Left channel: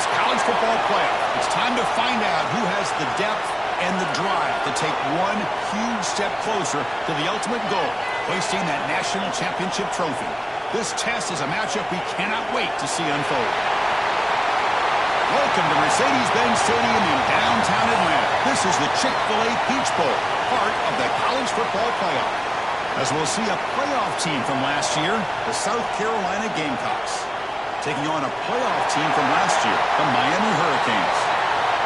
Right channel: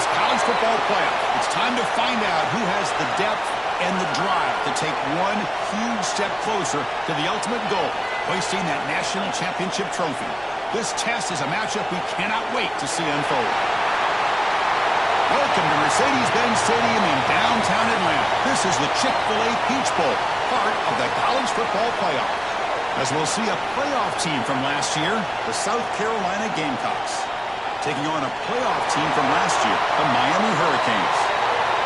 this college football playoff. It's time to find out who has the depth and the drive to take one huge step closer to the ultimate goal, hoisting that national championship trophy. This test is a matchup we cannot wait to see unfold. Welcome to Mercedes-Benz Stadium in downtown Atlanta. This is the Chick-fil-A Peach Bowl, part of the college football playoff. As we'll see a playoff team from last year, the South Carolina Gamecocks, taking on a playoff team from last year, the Miami Hurricanes.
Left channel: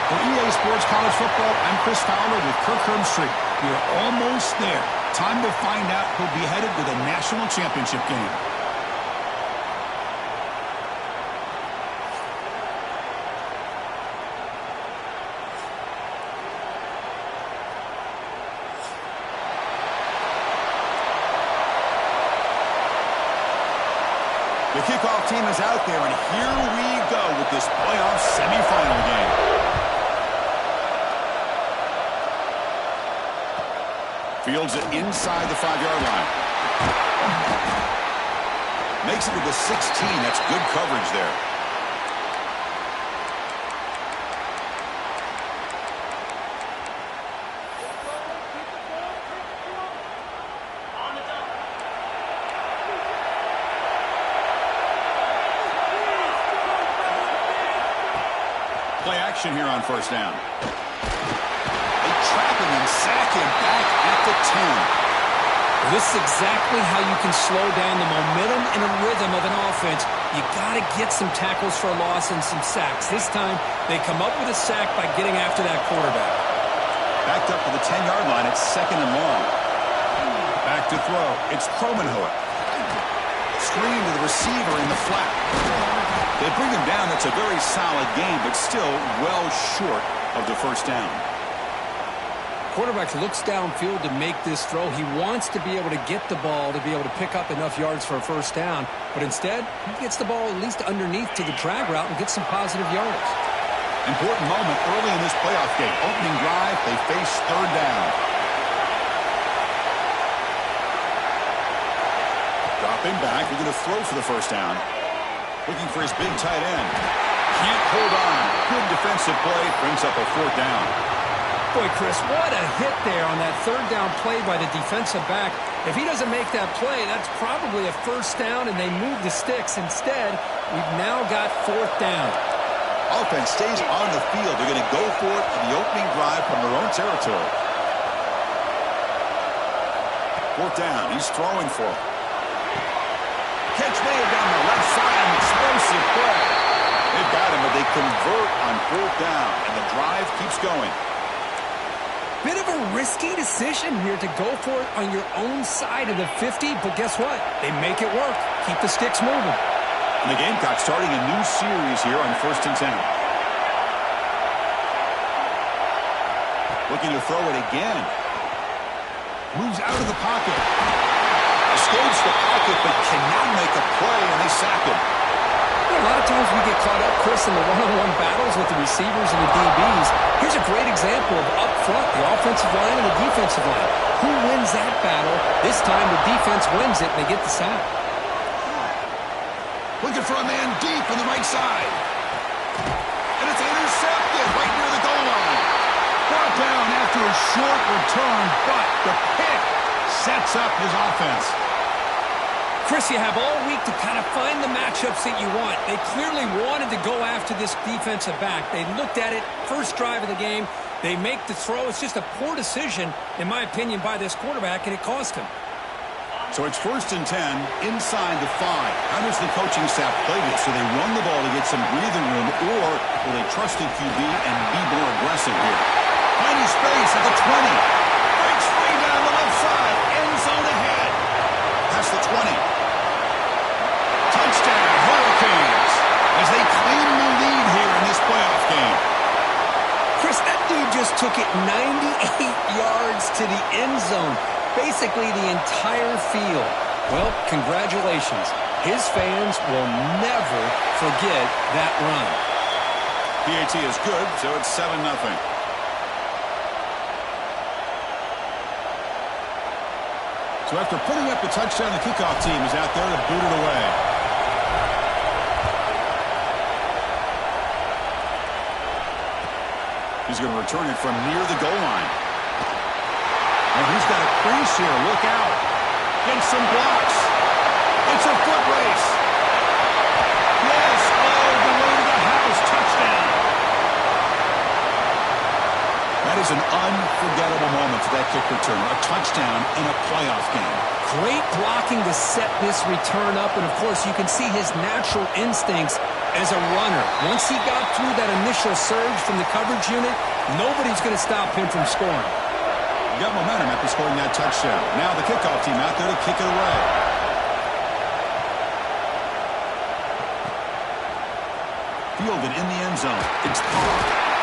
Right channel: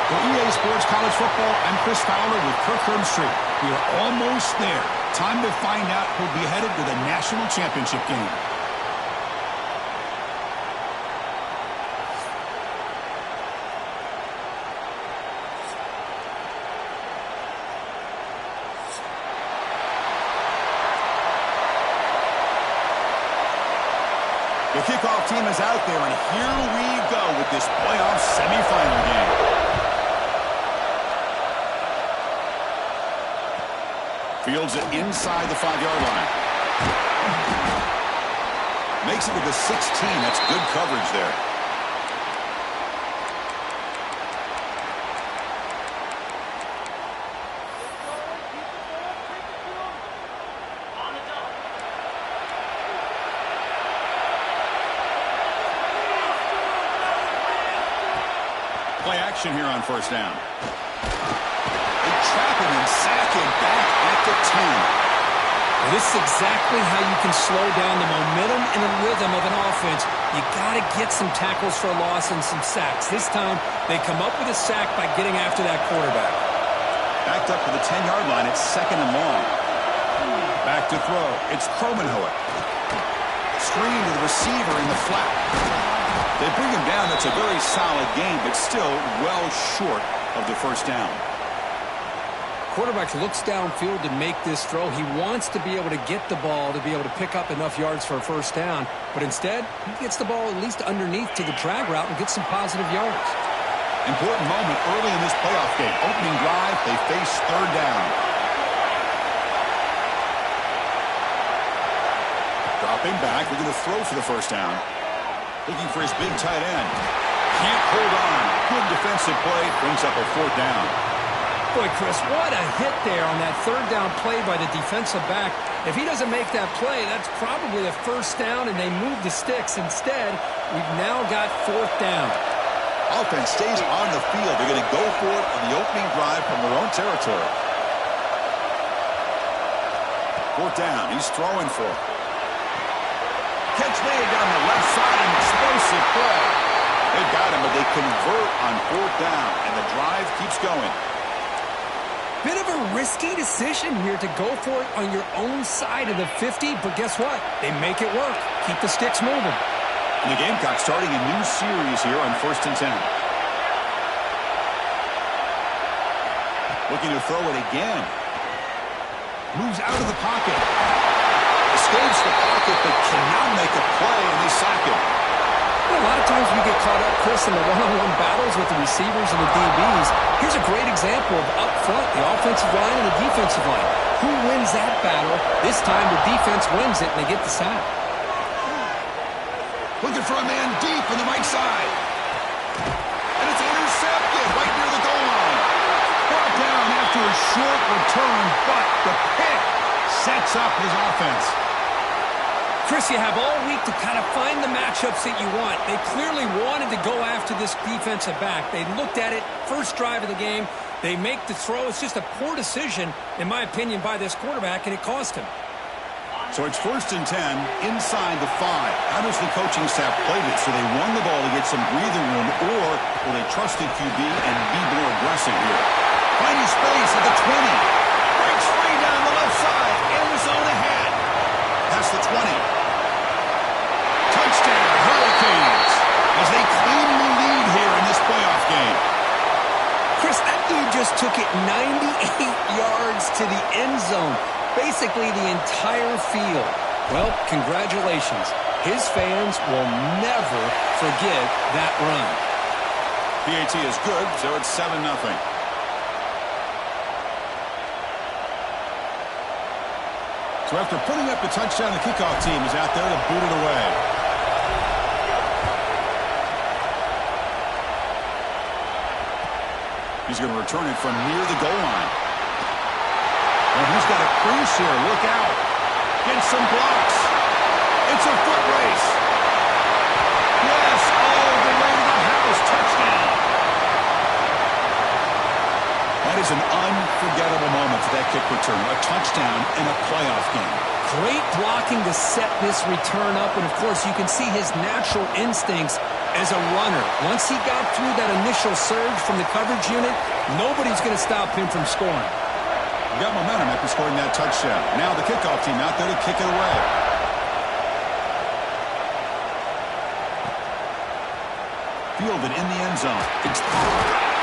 For EA Sports College Football, I'm Chris Fowler with Kirk Herbstreit. We are almost there. Time to find out who'll be headed to the national championship game. The kickoff team is out there, and here we go with this playoff semifinal game. Fields it inside the 5-yard line. Makes it with the 16. That's good coverage there. Play action here on first down. They trap him and sack him back at the 10. Well, this is exactly how you can slow down the momentum and the rhythm of an offense. You got to get some tackles for a loss and some sacks. This time, they come up with a sack by getting after that quarterback. Backed up to the 10-yard line. It's second and long. Back to throw. It's Kromenhoek. Screen to the receiver in the flat. They bring him down. That's a very solid game, but still well short of the first down. Quarterback looks downfield to make this throw. He wants to be able to get the ball to be able to pick up enough yards for a first down, but instead, he gets the ball at least underneath to the drag route and gets some positive yards. Important moment early in this playoff game. Opening drive, they face third down. Dropping back, we're going to throw for the first down. Looking for his big tight end. Can't hold on. Good defensive play. Brings up a fourth down. Boy, Chris, what a hit there on that third down play by the defensive back. If he doesn't make that play, that's probably a first down, and they move the sticks. Instead, we've now got fourth down. Offense stays on the field. They're going to go for it on the opening drive from their own territory. Fourth down. He's throwing for it. Catch made down the left side, an explosive play. They've got him, but they convert on fourth down, and the drive keeps going. Bit of a risky decision here to go for it on your own side of the 50, but guess what? They make it work. Keep the sticks moving. And the Gamecocks starting a new series here on 1st and 10. Looking to throw it again. Moves out of the pocket. Escapes the pocket, but cannot make a play, and they sack him. A lot of times we get caught up, Chris, in the one-on-one battles with the receivers and the DBs. Here's a great example of up front, the offensive line and the defensive line. Who wins that battle? This time the defense wins it, and they get the sack. Looking for a man deep on the right side. And it's intercepted right near the goal line. Brought down after a short return, but the pick sets up his offense. Chris, you have all week to kind of find the matchups that you want. They clearly wanted to go after this defensive back. They looked at it, first drive of the game. They make the throw. It's just a poor decision, in my opinion, by this quarterback, and it cost him. So it's 1st and 10 inside the 5. How does the coaching staff play this? Do they run the ball to get some breathing room, or will they trust the QB and be more aggressive here? Finding space at the 20. Breaks free down the left side. End zone ahead. Past the 20. Touchdown, Hurricanes, as they claim the lead here in this playoff game. Chris, that dude just took it 98 yards to the end zone. Basically the entire field. Well, congratulations. His fans will never forget that run. PAT is good, so it's 7-0. So after putting up the touchdown, the kickoff team is out there to boot it away. He's going to return it from near the goal line. Oh, he's got a crease here. Look out. Gets some blocks. It's a foot race. Yes, all the way to the house. Touchdown. That is an unforgettable moment for that kick returner. A touchdown in a playoff game. Great blocking to set this return up. And, of course, you can see his natural instincts as a runner. Once he got through that initial surge from the coverage unit, nobody's going to stop him from scoring. He got momentum after scoring that touchdown. Now the kickoff team out there to kick it away. Fielded in the end zone. It's caught.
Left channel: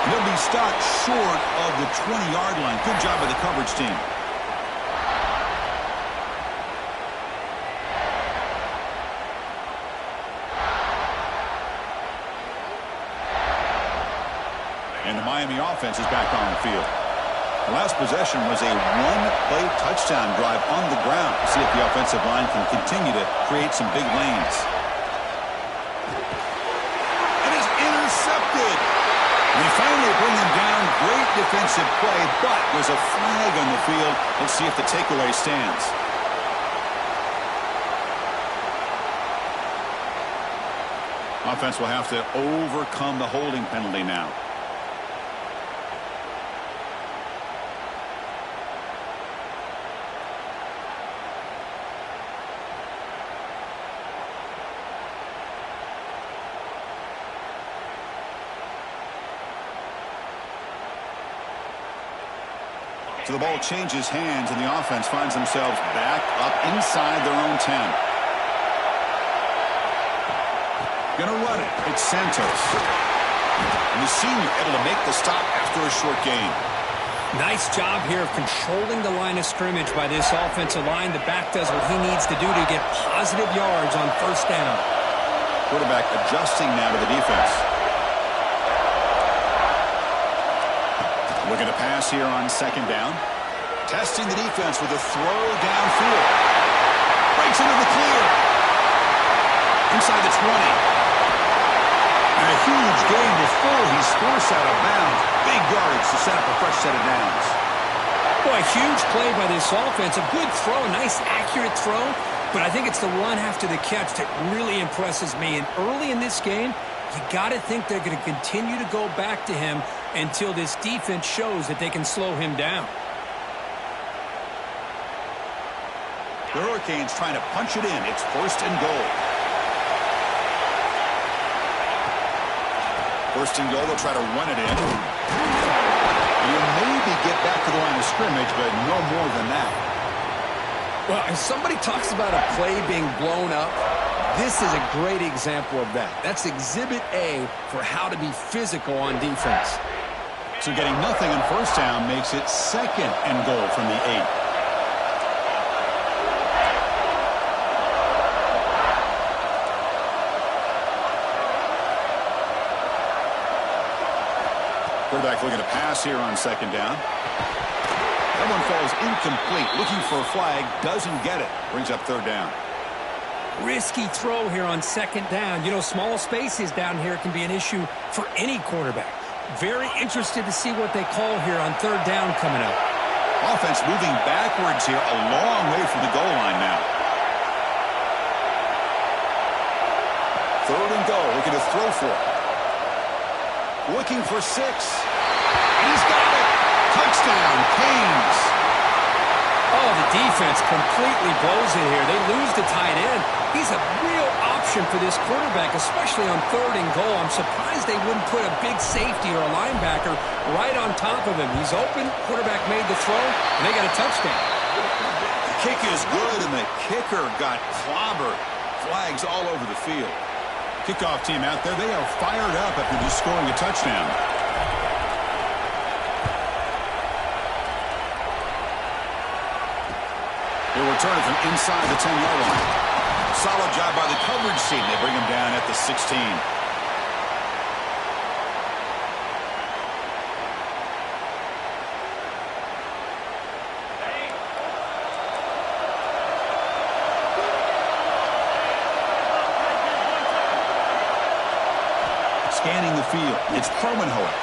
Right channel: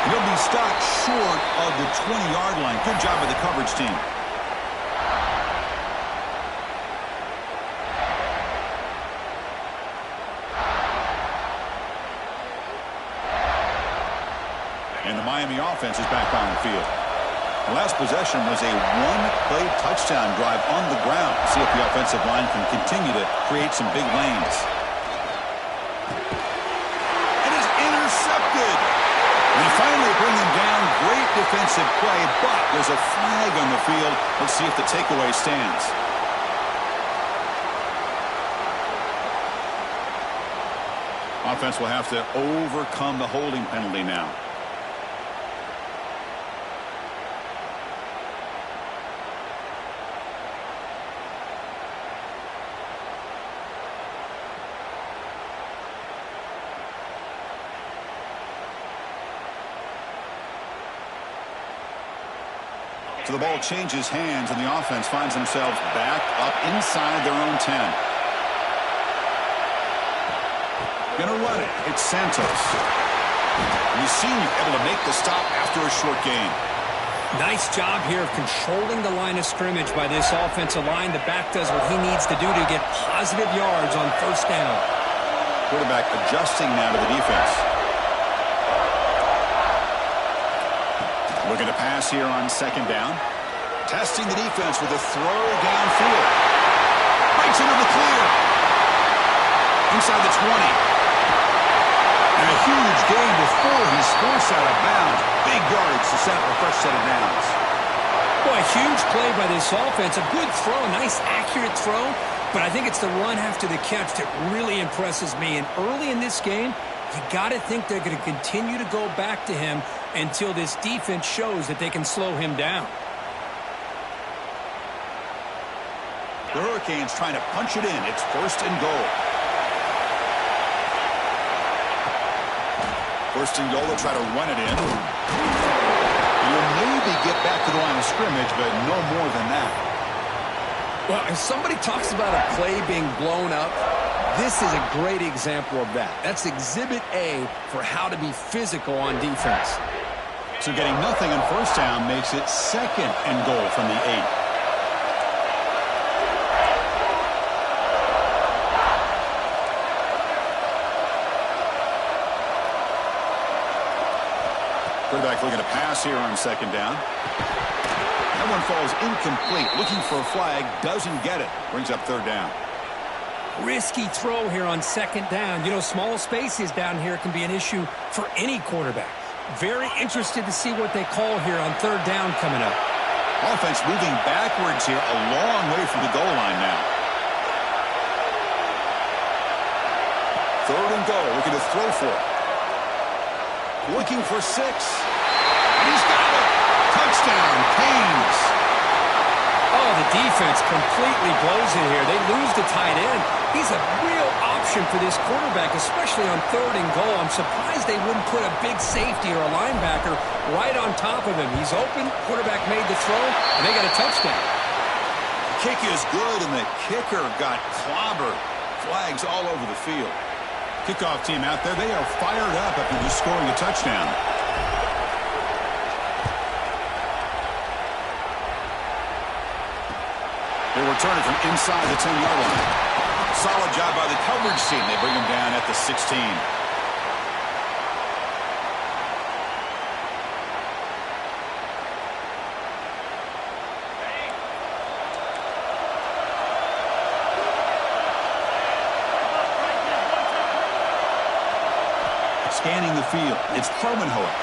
And he'll be stopped short of the 20-yard line. Good job by the coverage team. And the Miami offense is back on the field. The last possession was a one-play touchdown drive on the ground. See if the offensive line can continue to create some big lanes. And it's intercepted. They finally bring him down. Great defensive play, but there's a flag on the field. Let's see if the takeaway stands. Offense will have to overcome the holding penalty now. So the ball changes hands, and the offense finds themselves back up inside their own 10. Gonna run it. It's Santos. And the senior able to make the stop after a short gain. Nice job here of controlling the line of scrimmage by this offensive line. The back does what he needs to do to get positive yards on first down. Quarterback adjusting now to the defense. Looking to pass here on second down. Testing the defense with a throw downfield. Breaks into the clear. Inside the 20. And a huge gain before he's forced out of bounds. Big yardage to set up a fresh set of downs. Boy, a huge play by this offense. A good throw, a nice accurate throw. But I think it's the run after the catch that really impresses me. And early in this game, you got to think they're going to continue to go back to him until this defense shows that they can slow him down. The Hurricanes trying to punch it in. It's first and goal. First and goal, they'll try to run it in. You'll maybe get back to the line of scrimmage, but no more than that. Well, if somebody talks about a play being blown up, this is a great example of that. That's exhibit A for how to be physical on defense. So getting nothing on first down makes it second and goal from the 8. Quarterback looking to pass here on second down. That one falls incomplete. Looking for a flag. Doesn't get it. Brings up third down. Risky throw here on second down. You know, small spaces down here can be an issue for any quarterback. Very interested to see what they call here on third down coming up. Offense moving backwards here, a long way from the goal line now. Third and goal, looking to throw for it. Looking for 6. And he's got it. Touchdown, Canes. Oh, the defense completely blows it here. They lose the tight end. He's a real option for this quarterback, especially on third and goal. I'm surprised they wouldn't put a big safety or a linebacker right on top of him. He's open. Quarterback made the throw, and they got a touchdown. The kick is good, and the kicker got clobbered. Flags all over the field. Kickoff team out there, they are fired up after just scoring a touchdown. They return it from inside the 10-yard line. Solid job by the coverage team. They bring him down at the 16. Scanning the field, it's Kromenhoek.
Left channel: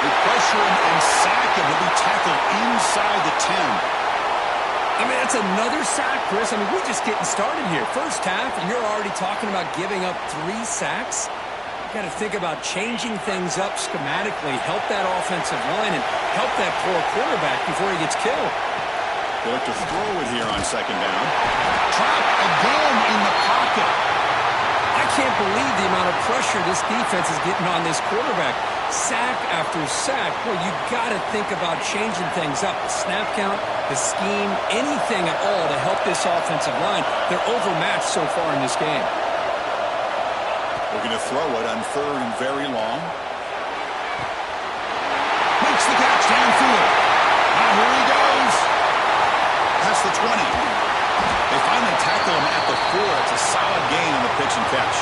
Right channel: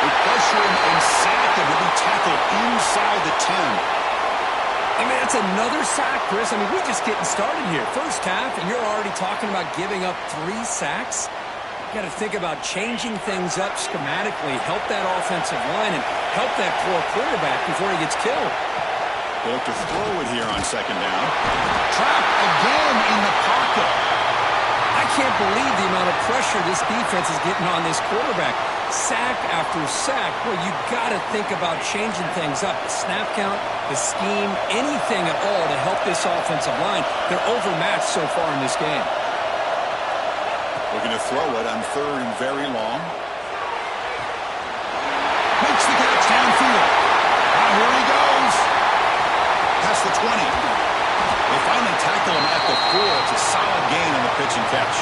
They pressure him and sack him. He'll be tackled inside the 10. I mean, that's another sack, Chris. I mean, we're just getting started here. First half, and you're already talking about giving up 3 sacks. You got to think about changing things up schematically, help that offensive line, and help that poor quarterback before he gets killed. They look to throw it here on second down. Trapped again in the pocket. I can't believe the amount of pressure this defense is getting on this quarterback. Sack after sack. Well, you got to think about changing things up. The snap count, the scheme, anything at all to help this offensive line. They're overmatched so far in this game. Looking to throw it on third and very long. Makes the catch downfield. Now here he goes. Past the 20. They finally tackle him at the 4. It's a solid gain on the pitch and catch.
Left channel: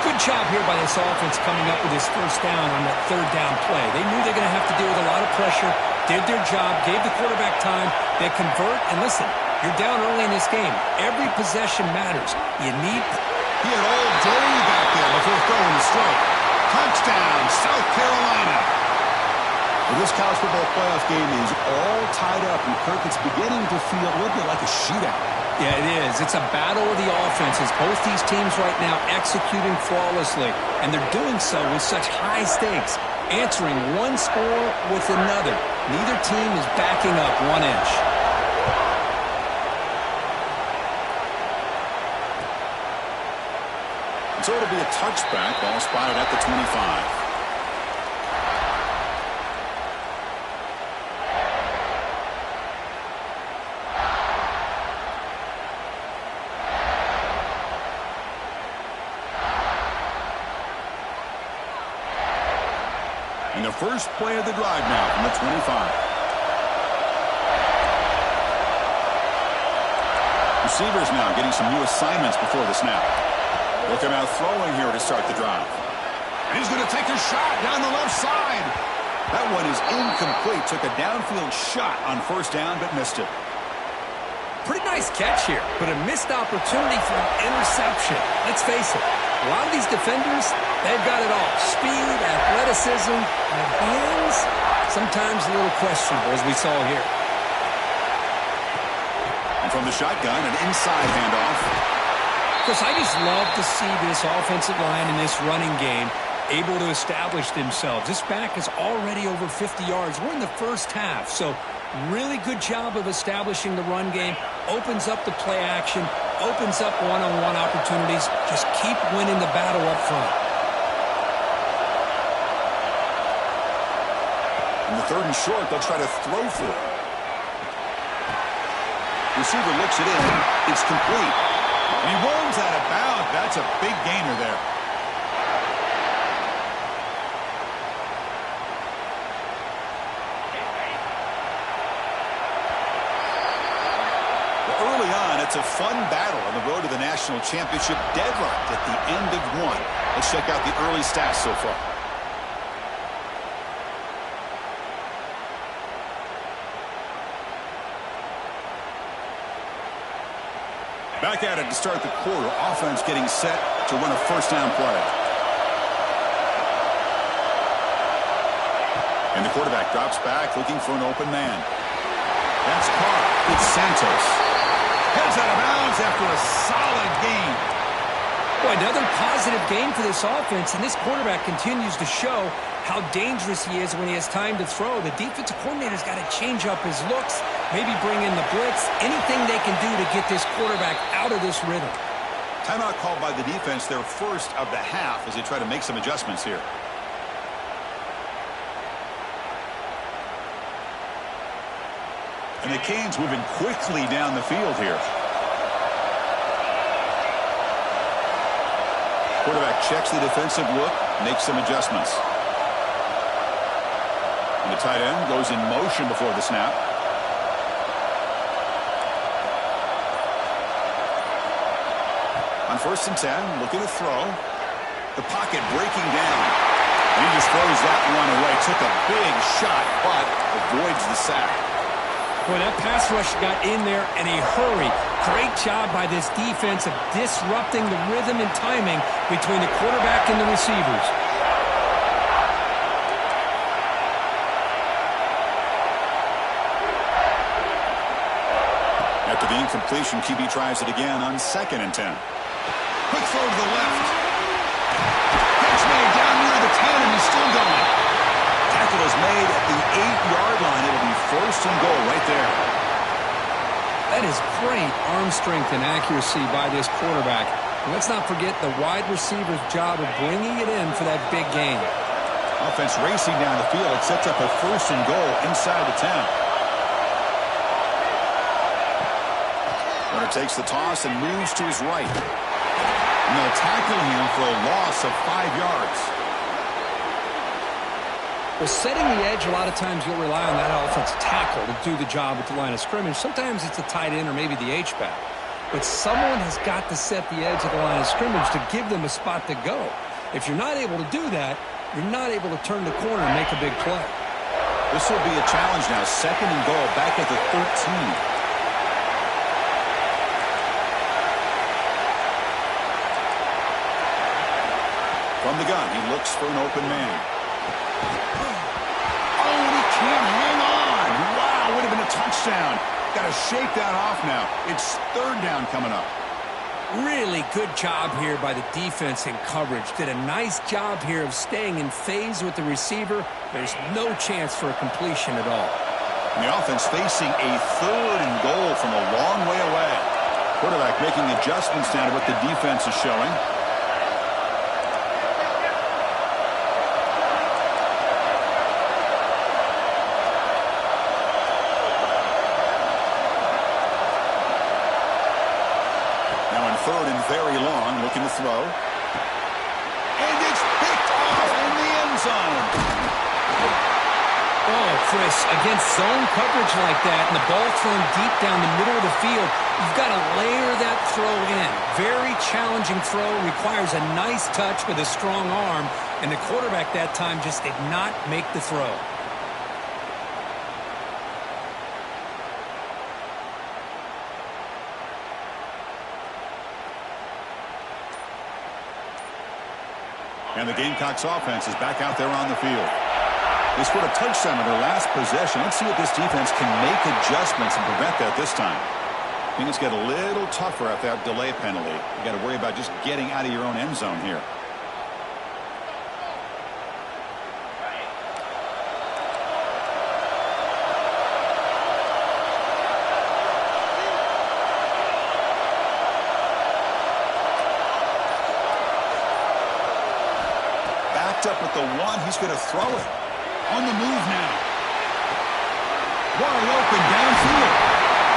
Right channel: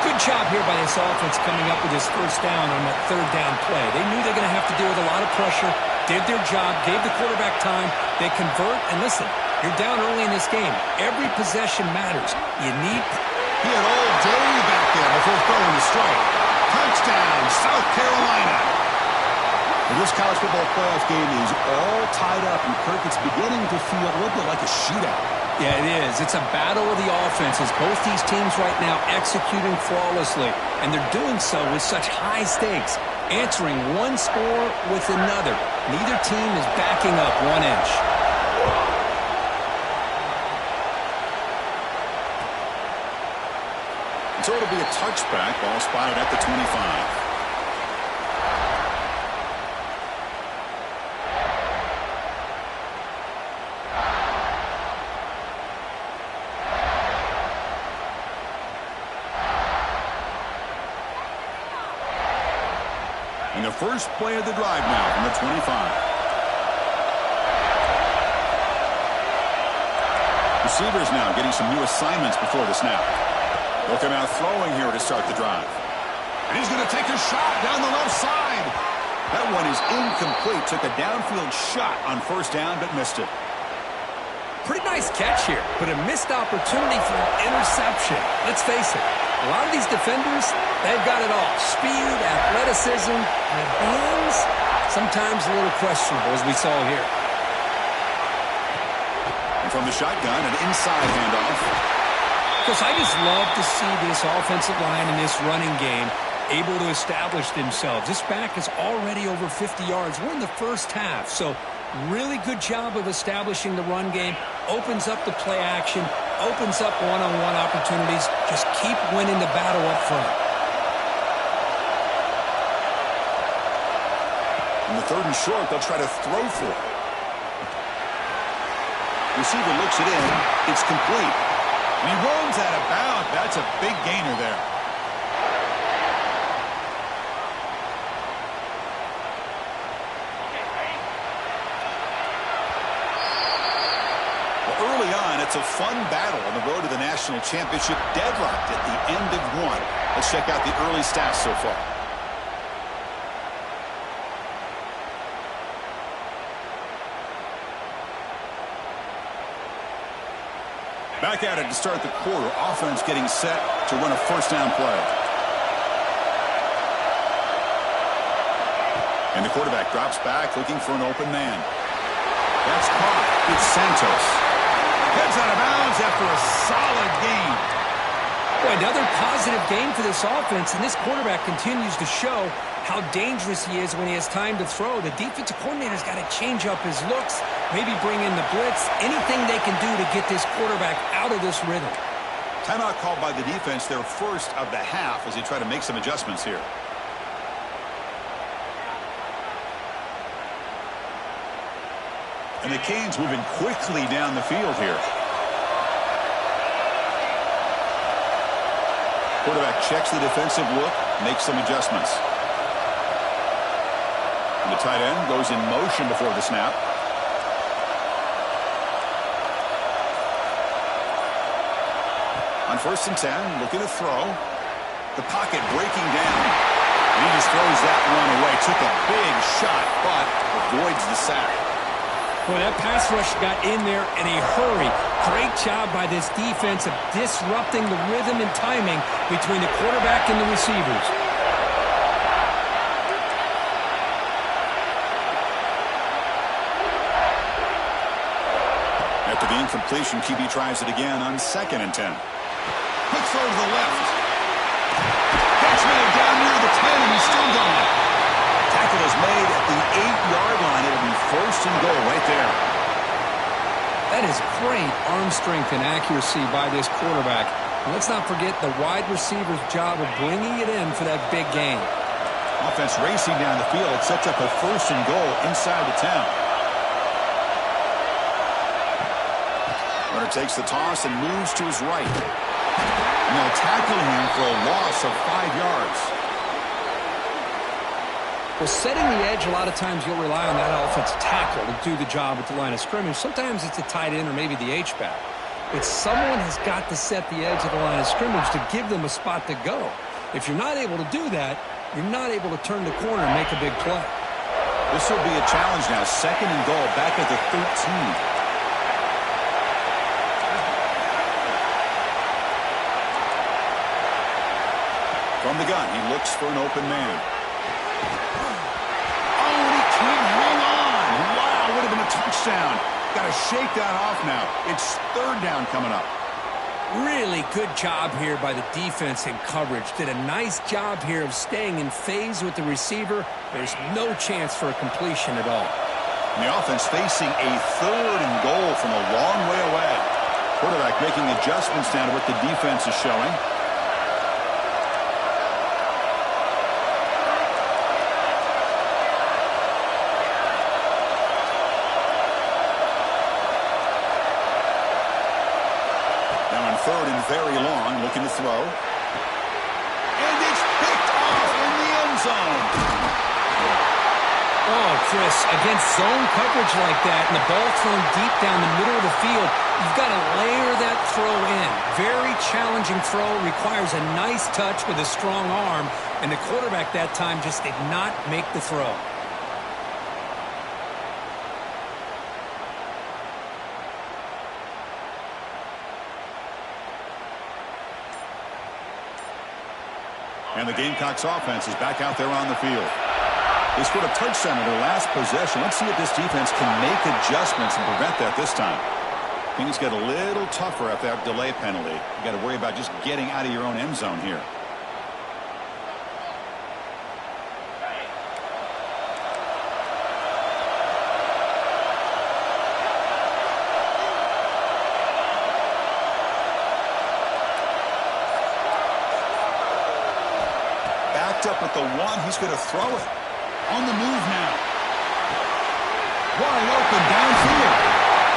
Good job here by this offense coming up with this first down on that third down play. They knew they're going to have to deal with a lot of pressure, did their job, gave the quarterback time. They convert, and listen, you're down early in this game. Every possession matters. You need... He had all day back there before throwing the strike. Touchdown, South Carolina. Well, this college football playoff game is all tied up, and Kirk, it's beginning to feel a little bit like a shootout. Yeah, it is. It's a battle of the offenses. Both these teams right now executing flawlessly, and they're doing so with such high stakes, answering one score with another. Neither team is backing up 1 inch. And so it'll be a touchback, ball spotted at the 25. And the first play of the drive now from the 25. Receivers now getting some new assignments before the snap. They'll come out throwing here to start the drive. And he's going to take a shot down the left side. That one is incomplete. Took a downfield shot on first down, but missed it. Pretty nice catch here, but a missed opportunity for an interception. Let's face it, a lot of these defenders, they've got it all. Speed, athleticism, and hands, sometimes a little questionable, as we saw here. And from the shotgun, an inside handoff. Chris, I just love to see this offensive line in this running game able to establish themselves. This back is already over 50 yards. We're in the first half, so really good job of establishing the run game. Opens up the play action, opens up one-on-one opportunities. Just keep winning the battle up front. In the third and short, they'll try to throw for it. Receiver looks it in. It's complete. And he runs out of bounds. That's a big gainer there. Well, early on, it's a fun battle on the road to the national championship, deadlocked at the end of one. Let's check out the early stats so far. Back at it to start the quarter. Offense getting set to run a first down play. And the quarterback drops back looking for an open man. That's caught. It's Santos. Heads out of bounds after a solid game. Boy, another positive game for this offense, and this quarterback continues to show how dangerous he is when he has time to throw. The defensive coordinator's got to change up his looks, maybe bring in the blitz, anything they can do to get this quarterback out of this rhythm. Timeout called by the defense, their first of the half, as they try to make some adjustments here. And the Canes moving quickly down the field here. Quarterback checks the defensive look, makes some adjustments. And the tight end goes in motion before the snap. On 1st and 10, looking to throw. The pocket breaking down. And he just throws that one away. Took a big shot, but avoids the sack. Boy, that pass rush got in there in a hurry. Great job by this defense of disrupting the rhythm and timing between the quarterback and the receivers. After the incompletion, QB tries it again on 2nd and 10. Quick throw to the left. Catch made down near the 10, and he's still going. Tackle is made at the 8-yard line. It'll be 1st and goal right there. That is great arm strength and accuracy by this quarterback. And let's not forget the wide receiver's job of bringing it in for that big gain. Offense racing down the field. It sets up a 1st and goal inside the 10. Runner takes the toss and moves to his right. And they'll tackle him for a loss of 5 yards. Well, setting the edge, a lot of times you'll rely on that offensive tackle to do the job at the line of scrimmage. Sometimes it's a tight end or maybe the H-back. But someone has got to set the edge of the line of scrimmage to give them a spot to go. If you're not able to do that, you're not able to turn the corner and make a big play. This will be a challenge now. 2nd and goal back at the 13. From the gun, he looks for an open man. Oh, and he can't hang on. Wow, would have been a touchdown. Got to shake that off now. It's 3rd down coming up. Really good job here by the defense in coverage. Did a nice job here of staying in phase with the receiver. There's no chance for a completion at all. And the offense facing a 3rd and goal from a long way away. Quarterback making adjustments now to what the defense is showing. Now in 3rd and very long, looking to throw. And it's picked off in the end zone. Oh, Chris, against zone coverage like that and the ball thrown deep down the middle of the field, you've got to layer that throw in. Very challenging throw, requires a nice touch with a strong arm, and the quarterback that time just did not make the throw. And the Gamecocks offense is back out there on the field. They scored a touchdown on their last possession. Let's see if this defense can make adjustments and prevent that this time. Things get a little tougher after that delay penalty. You got to worry about just getting out of your own end zone here. Up at the 1, he's going to throw it. On the move now. Wide open downfield.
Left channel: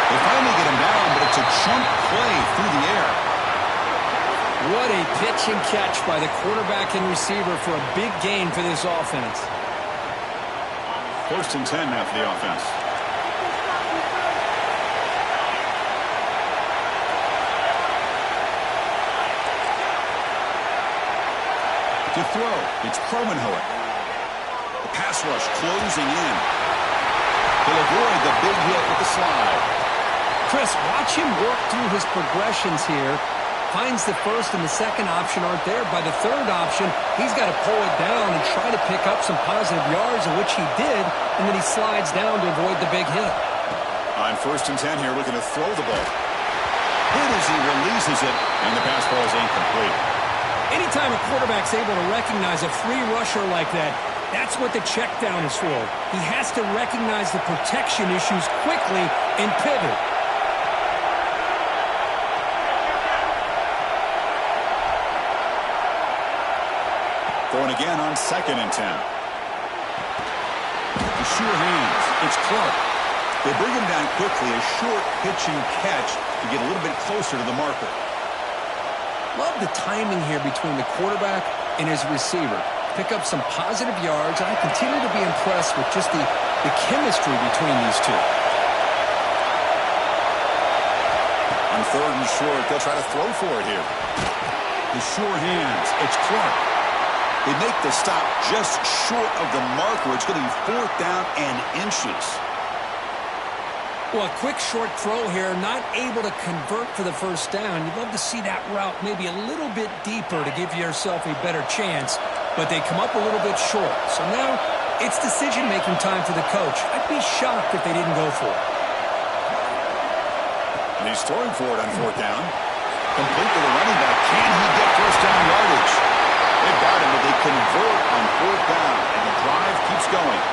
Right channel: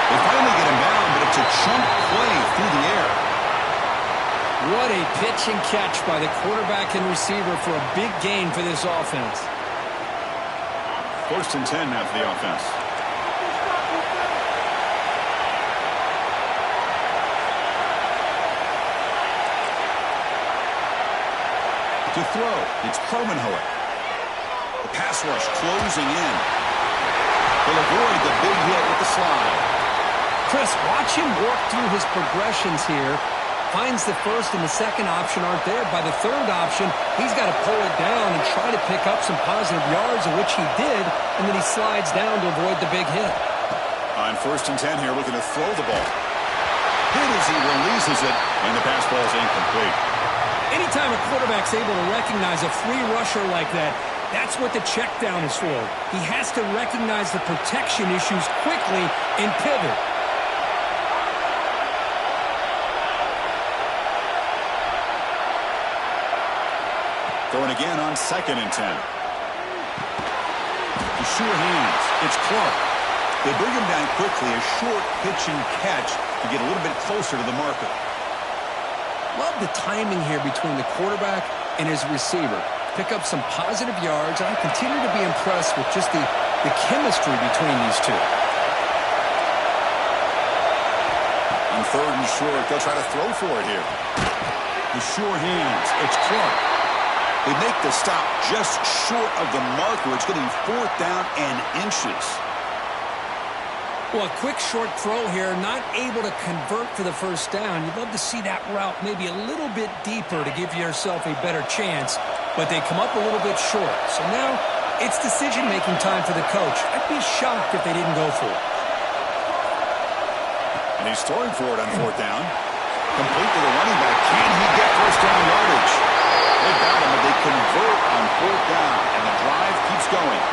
They finally get him down, but it's a chunk play through the air. What a pitch and catch by the quarterback and receiver for a big gain for this offense. 1st and 10 now for the offense. To throw, it's Kromenhoek. The pass rush closing in. He'll avoid the big hit with the slide. Chris, watch him work through his progressions here. Finds the 1st and the 2nd option aren't there. By the 3rd option, he's got to pull it down and try to pick up some positive yards, of which he did, and then he slides down to avoid the big hit. On 1st and 10 here, looking to throw the ball. Hit as he releases it, and the pass ball is incomplete. Anytime a quarterback's able to recognize a free rusher like that, that's what the check down is for. He has to recognize the protection issues quickly and pivot. Throwing again on 2nd and 10. The sure hands. It's Clark. They bring him down quickly, a short pitch and catch to get a little bit closer to the marker. Love the timing here between the quarterback and his receiver. Pick up some positive yards, and I continue to be impressed with just the chemistry between these two. On 3rd and short, they'll try to throw for it here. The sure hands. It's Clark. They make the stop just short of the marker. It's going to be 4th down and inches. Well, a quick short throw here, not able to convert for the first down. You'd love to see that route maybe a little bit deeper to give yourself a better chance, but they come up a little bit short. So now it's decision-making time for the coach. I'd be shocked if they didn't go for it. And he's throwing for it on fourth down. Complete to the running back. Can he get first down yardage? They've got him, but they convert on fourth down, and the drive keeps going.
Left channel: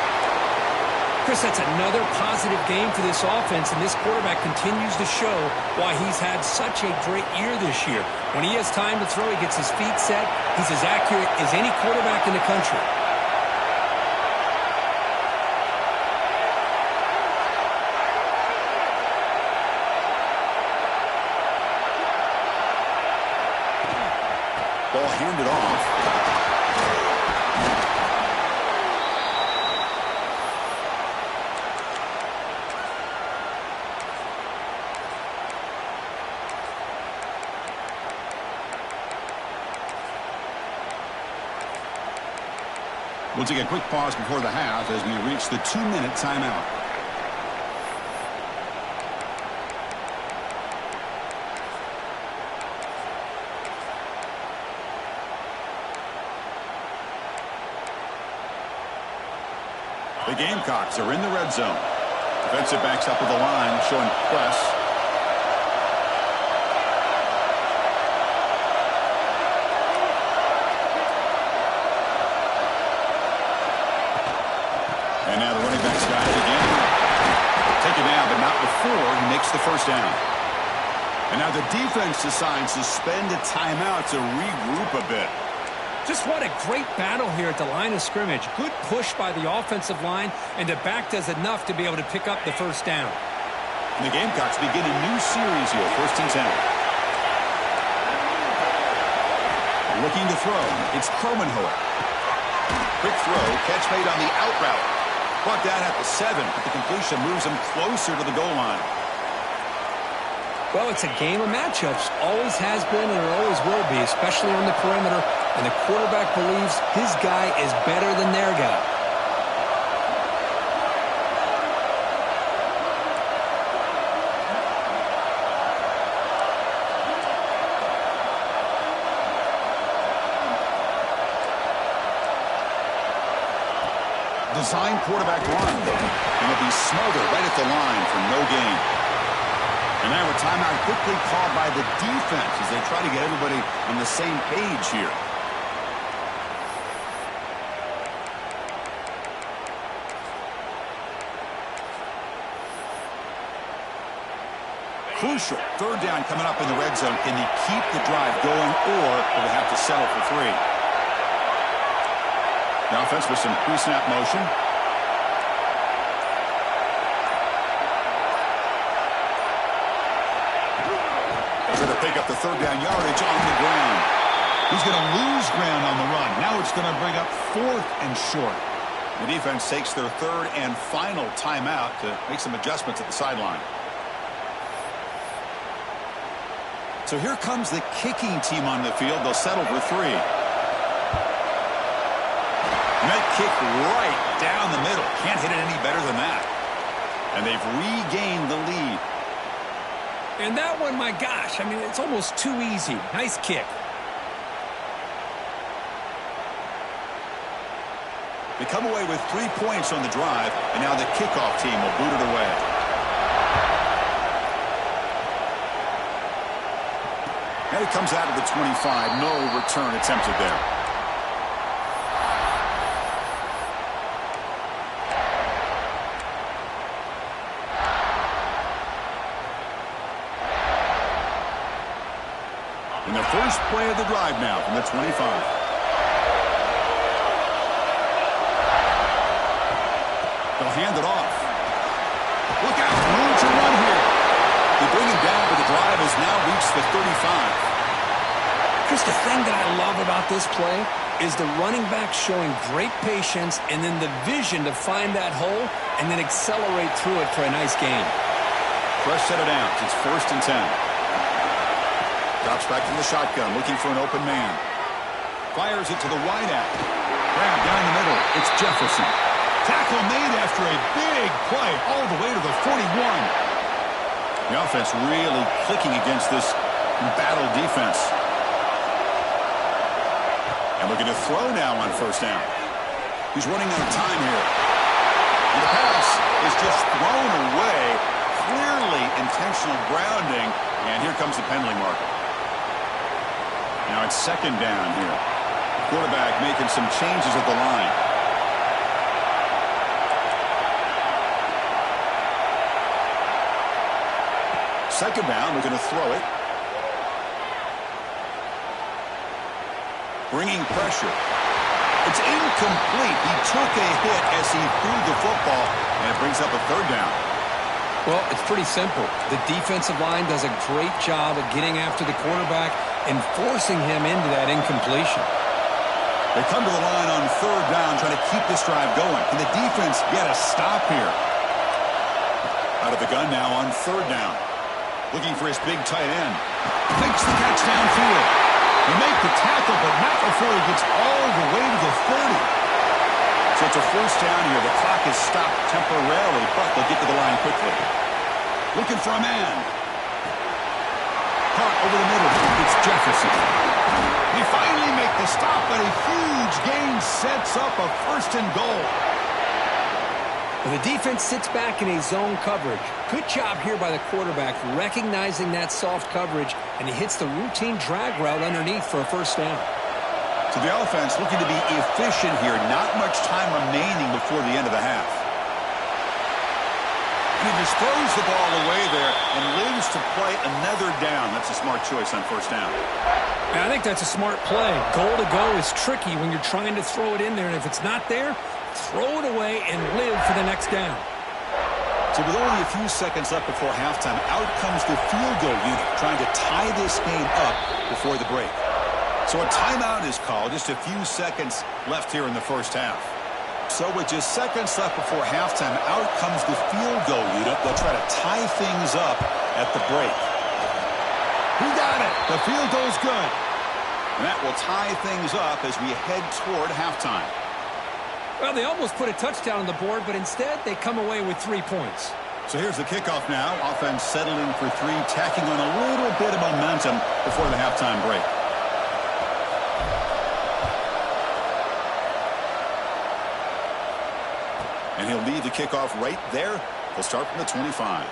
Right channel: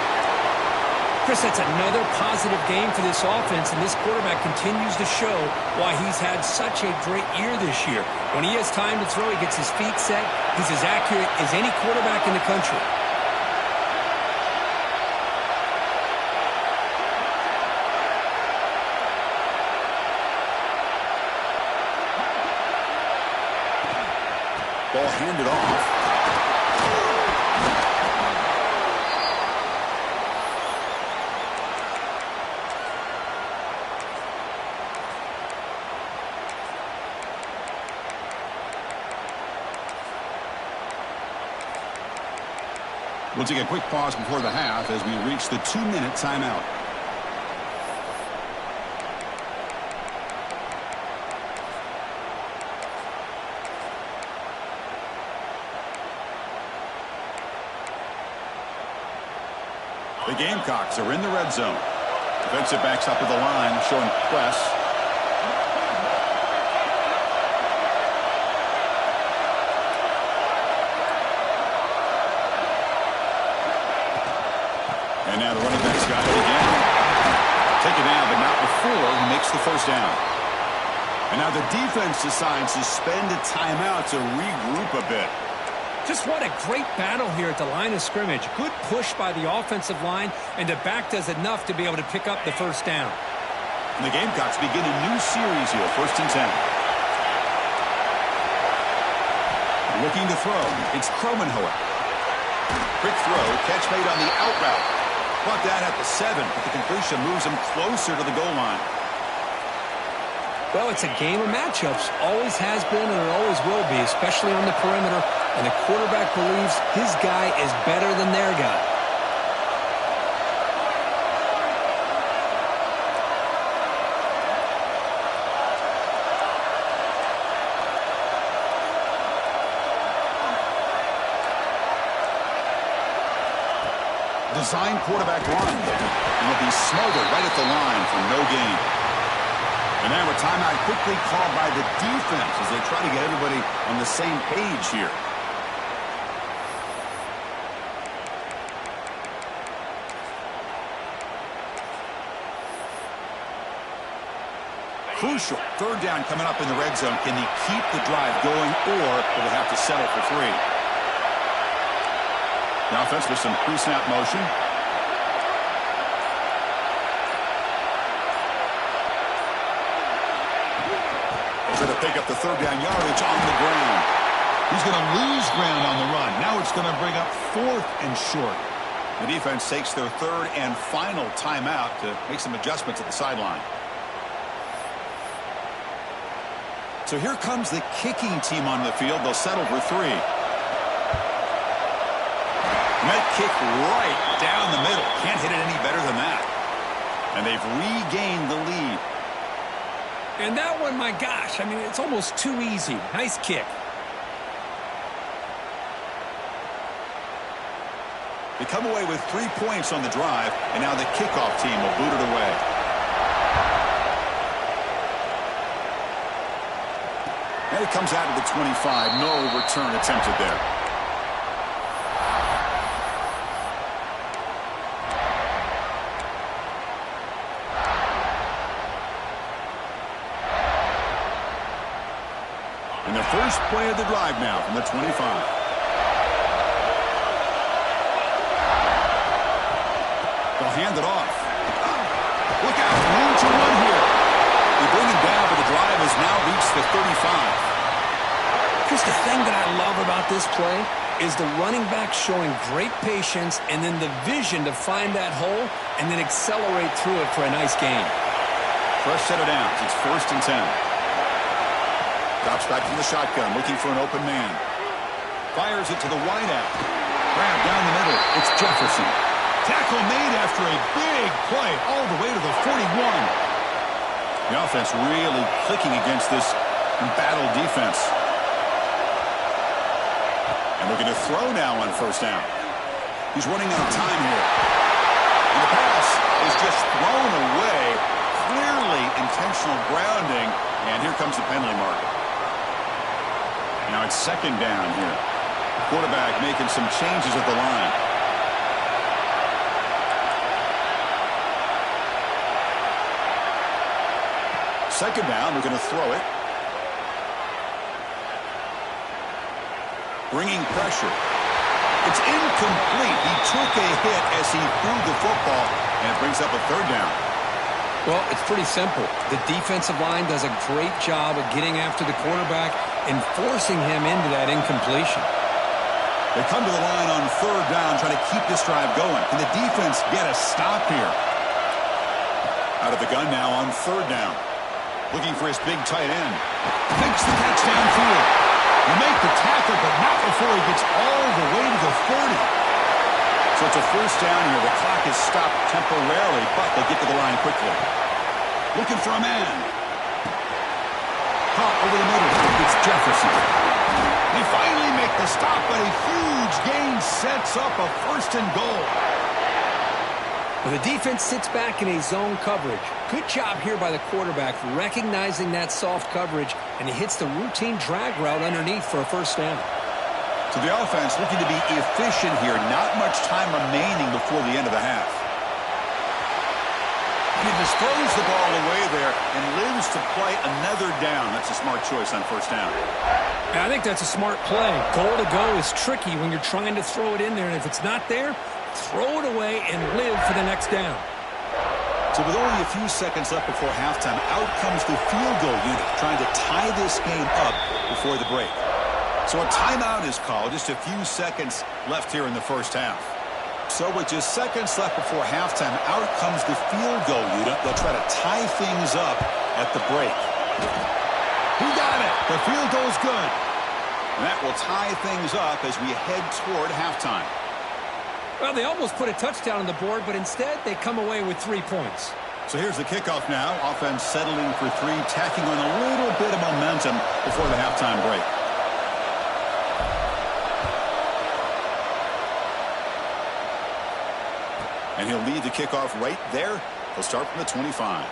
Chris, that's another positive game for this offense, and this quarterback continues to show why he's had such a great year this year. When he has time to throw, he gets his feet set. He's as accurate as any quarterback in the country. Ball handed off. We'll take a quick pause before the half as we reach the 2-minute timeout. The Gamecocks are in the red zone. Defensive backs up at the line, showing press. And now the running back's got it again. Take it down, but not before he makes the first down. And now the defense decides to spend a timeout to regroup a bit. Just what a great battle here at the line of scrimmage. Good push by the offensive line, and the back does enough to be able to pick up the first down. And the Gamecocks begin a new series here, 1st and 10. Looking to throw. It's Kromenhoek. Quick throw, catch made on the out route. Brought down at the 7, but the completion moves him closer to the goal line. Well, it's a game of matchups. Always has been, and it always will be, especially on the perimeter. And the quarterback believes his guy is better than their guy. Design quarterback run. And he'll be smothered right at the line for no gain. And now a timeout quickly called by the defense as they try to get everybody on the same page here. Crucial. 3rd down coming up in the red zone. Can they keep the drive going, or will they have to settle for 3? The offense with some pre-snap motion. They're going to pick up the 3rd down yardage on the ground. He's going to lose ground on the run. Now it's going to bring up 4th and short. The defense takes their 3rd and final timeout to make some adjustments at the sideline. So here comes the kicking team on the field. They'll settle for 3. And that kick right down the middle. Can't hit it any better than that. And they've regained the lead. And that one, my gosh, I mean, it's almost too easy. Nice kick. They come away with 3 points on the drive, and now the kickoff team will boot it away. And it comes out of the 25. No return attempted there. And the first play of the drive now from the 25. They'll hand it off. Look out, room to run here. They bring him down, but the drive has now reached the 35. Chris, the thing that I love about this play is the running back showing great patience and then the vision to find that hole and then accelerate through it for a nice gain. Fresh set of downs. It's 1st and 10. Drops back from the shotgun, looking for an open man. Fires it to the wideout. Grab down the middle. It's Jefferson. Tackle made after a big play all the way to the 41. The offense really clicking against this embattled defense. And looking to throw now on first down. He's running out of time here. And the pass is just thrown away. Clearly intentional grounding. And here comes the penalty marker. Now it's second down here. The quarterback making some changes at the line. Second down, looking to throw it. Bringing pressure. It's incomplete. He took a hit as he threw the football, and it brings up a third down. Well, it's pretty simple. The defensive line does a great job of getting after the quarterback and forcing him into that incompletion. They come to the line on third down, trying to keep this drive going. Can the defense get a stop here? Out of the gun now on third down. Looking for his big tight end. Makes the catch downfield. He make the tackle, but not before he gets all the way to the 30. So it's a first down here. The clock is stopped temporarily, but they'll get to the line quickly. Looking for a man. Caught over the middle. It's Jefferson. They finally make the stop, but a huge gain sets up a first and goal. Well, the defense sits back in a zone coverage. Good job here by the quarterback recognizing that soft coverage, and he hits the routine drag route underneath for a first down. So the offense looking to be efficient here. Not much time remaining before the end of the half. And he just throws the ball away there and lives to play another down. That's a smart choice on first down. I think that's a smart play. Goal to go is tricky when you're trying to throw it in there, and if it's not there, throw it away and live for the next down. So with only a few seconds left before halftime, out comes the field goal unit, trying to tie this game up before the break. So a timeout is called. Just a few seconds left here in the first half. So with just seconds left before halftime, out comes the field goal unit. They'll try to tie things up at the break. He got it. The field goal's good. And that will tie things up as we head toward halftime. Well, they almost put a touchdown on the board, but instead they come away with 3 points. So here's the kickoff now. Offense settling for three, tacking on a little bit of momentum before the halftime break. And he'll lead the kickoff right there. He'll start from the 25.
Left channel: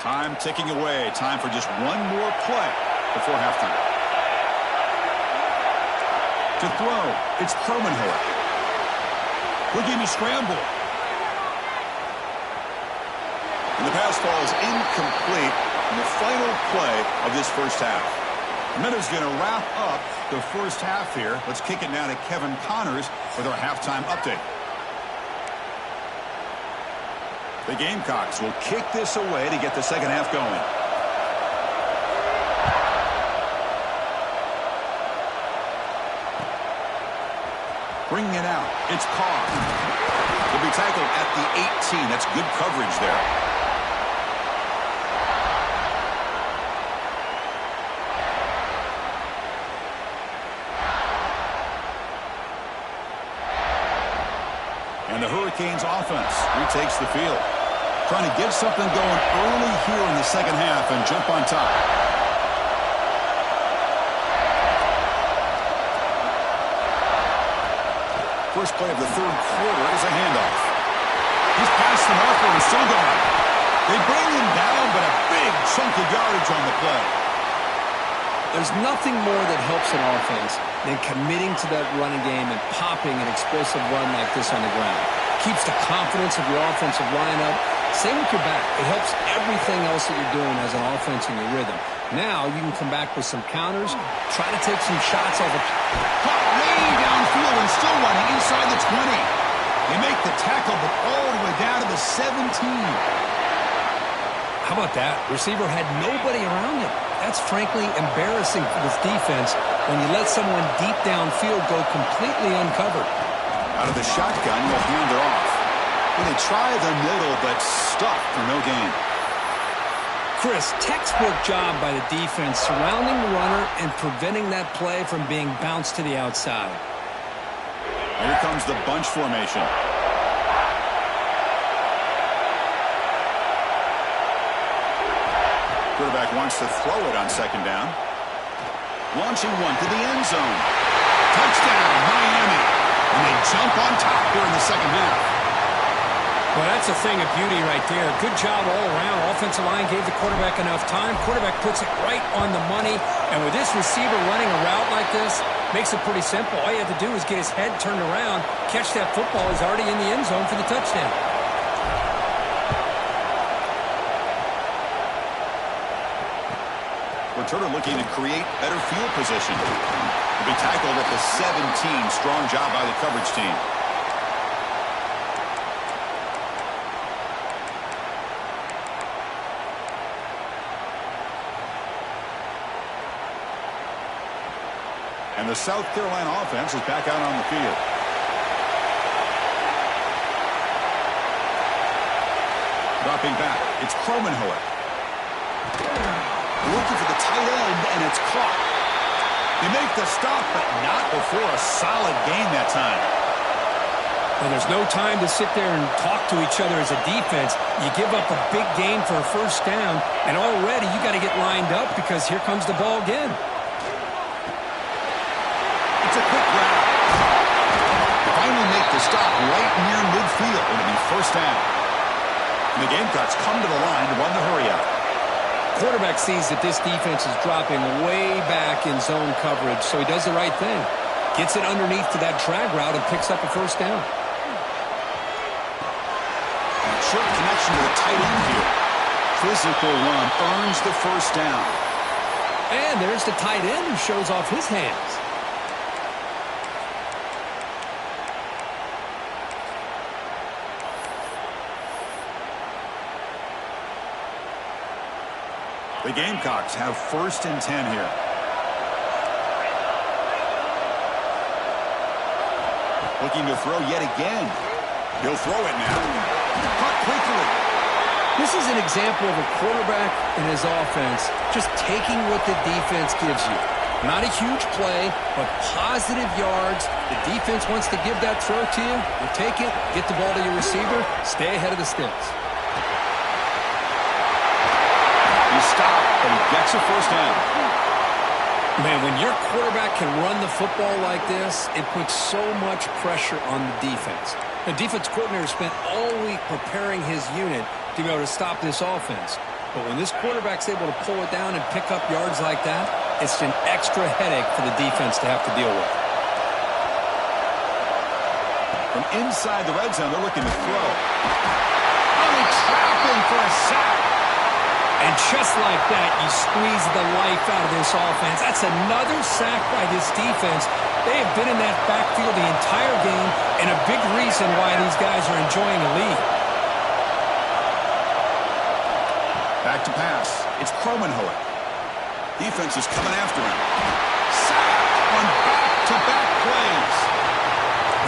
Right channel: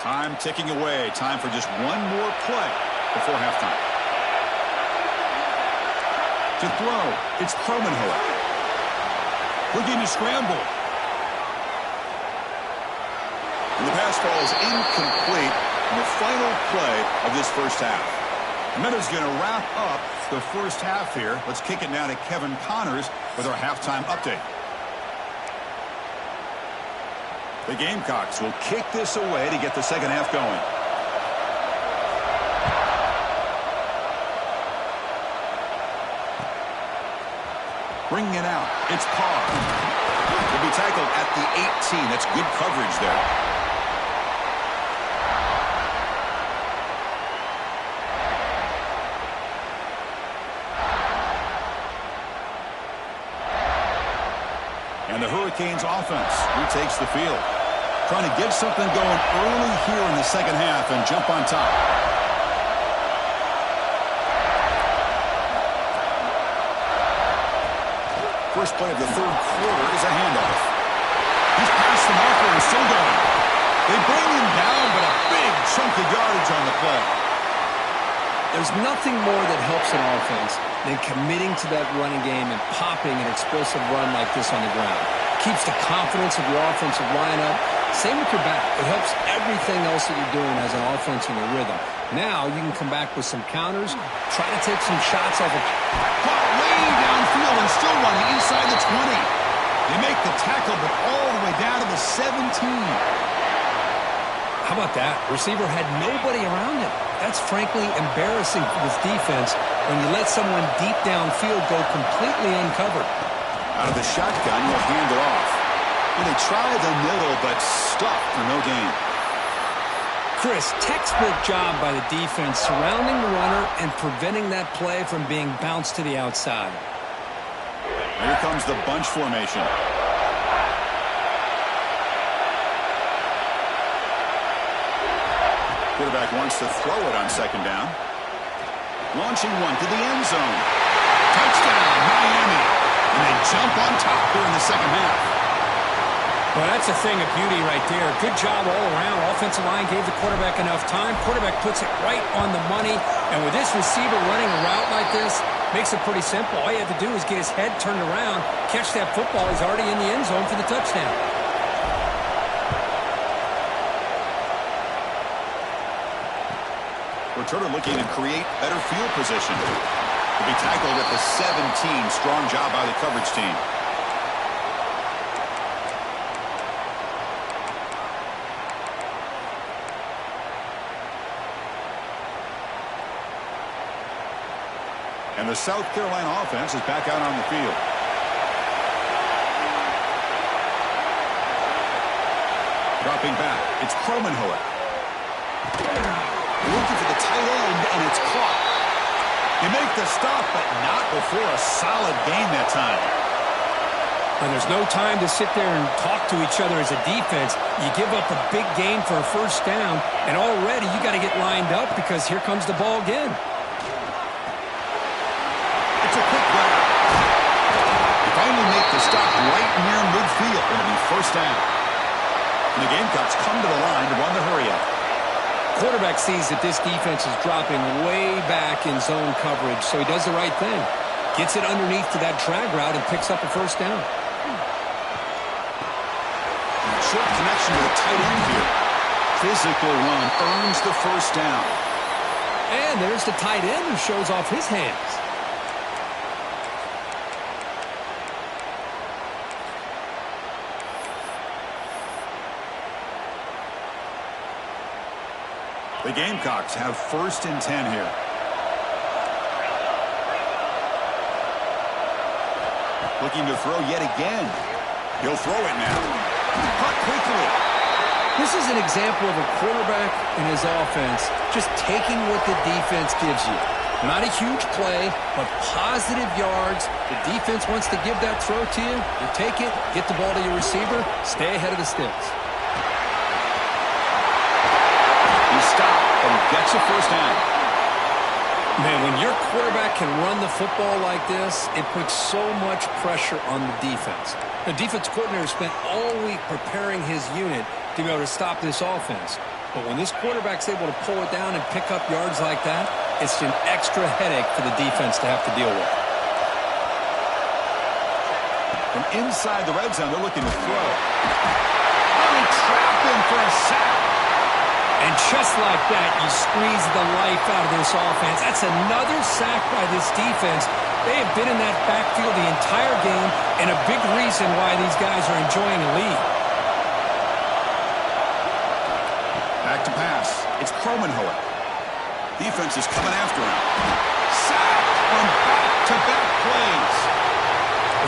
Time ticking away. Time for just one more play before halftime. To throw, it's Kromenhoek. Looking to scramble. And the pass falls incomplete in the final play of this first half. And that is going to wrap up the first half here. Let's kick it now to Kevin Connors with our halftime update. The Gamecocks will kick this away to get the second half going. Bringing it out, it's Carr. Will be tackled at the 18. That's good coverage there. And the Hurricanes offense retakes the field. Trying to get something going early here in the second half and jump on top. First play of the third quarter is a handoff. He's past the marker and still going. They bring him down, but a big chunk of yardage on the play. There's nothing more that helps an offense than committing to that running game and popping an explosive run like this on the ground. Keeps the confidence of your offensive lineup. Same with your back. It helps everything else that you're doing as an offense in your rhythm. Now you can come back with some counters, try to take some shots off of... Caught way downfield and still running inside the 20. They make the tackle, but all the way down to the 17. How about that? Receiver had nobody around him. That's frankly embarrassing for this defense when you let someone deep downfield go completely uncovered. Out of the shotgun, you'll hand it off. Well, they try the middle, but stuck for no gain. Chris, textbook job by the defense surrounding the runner and preventing that play from being bounced to the outside. Here comes the bunch formation. Quarterback wants to throw it on second down. Launching one to the end zone. Touchdown, Miami. And they jump on top here in the second half. Well, that's a thing of beauty right there. Good job all around. Offensive line gave the quarterback enough time. Quarterback puts it right on the money. And with this receiver running a route like this, makes it pretty simple. All you have to do is get his head turned around, catch that football. He's already in the end zone for the touchdown. Returner looking to create better field position. To be tackled at the 17. Strong job by the coverage team. And the South Carolina offense is back out on the field. Dropping back, it's Kromenhoek. Looking for the tight end, and it's caught. They make the stop, but not before a solid gain that time. And there's no time to sit there and talk to each other as a defense. You give up a big gain for a first down, and already you got to get lined up because here comes the ball again. It's a quick grab. They finally make the stop right near midfield. It'll be first down. And the Gamecocks come to the line to run the hurry up. Quarterback sees that this defense is dropping way back in zone coverage, so he does the right thing. Gets it underneath to that drag route and picks up a first down. Short connection to the tight end here. Physical run earns the first down. And there's the tight end who shows off his hands. The Gamecocks have first and 10 here. Looking to throw yet again. He'll throw it now. Caught quickly. This is an example of a quarterback and his offense just taking what the defense gives you. Not a huge play, but positive yards. The defense wants to give that throw to you. You take it, get the ball to your receiver, stay ahead of the sticks. He stopped, but he gets a first down. Man, when your quarterback can run the football like this, it puts so much pressure on the defense. The defense coordinator spent all week preparing his unit to be able to stop this offense. But when this quarterback's able to pull it down and pick up yards like that, it's an extra headache for the defense to have to deal with. From inside the red zone, they're looking to throw. Oh, they trap him for a sack. And just like that, you squeeze the life out of this offense. That's another sack by this defense. They have been in that backfield the entire game, and a big reason why these guys are enjoying a lead. Back to pass. It's Kromenhoek. Defense is coming after him. Sacked on back-to-back plays.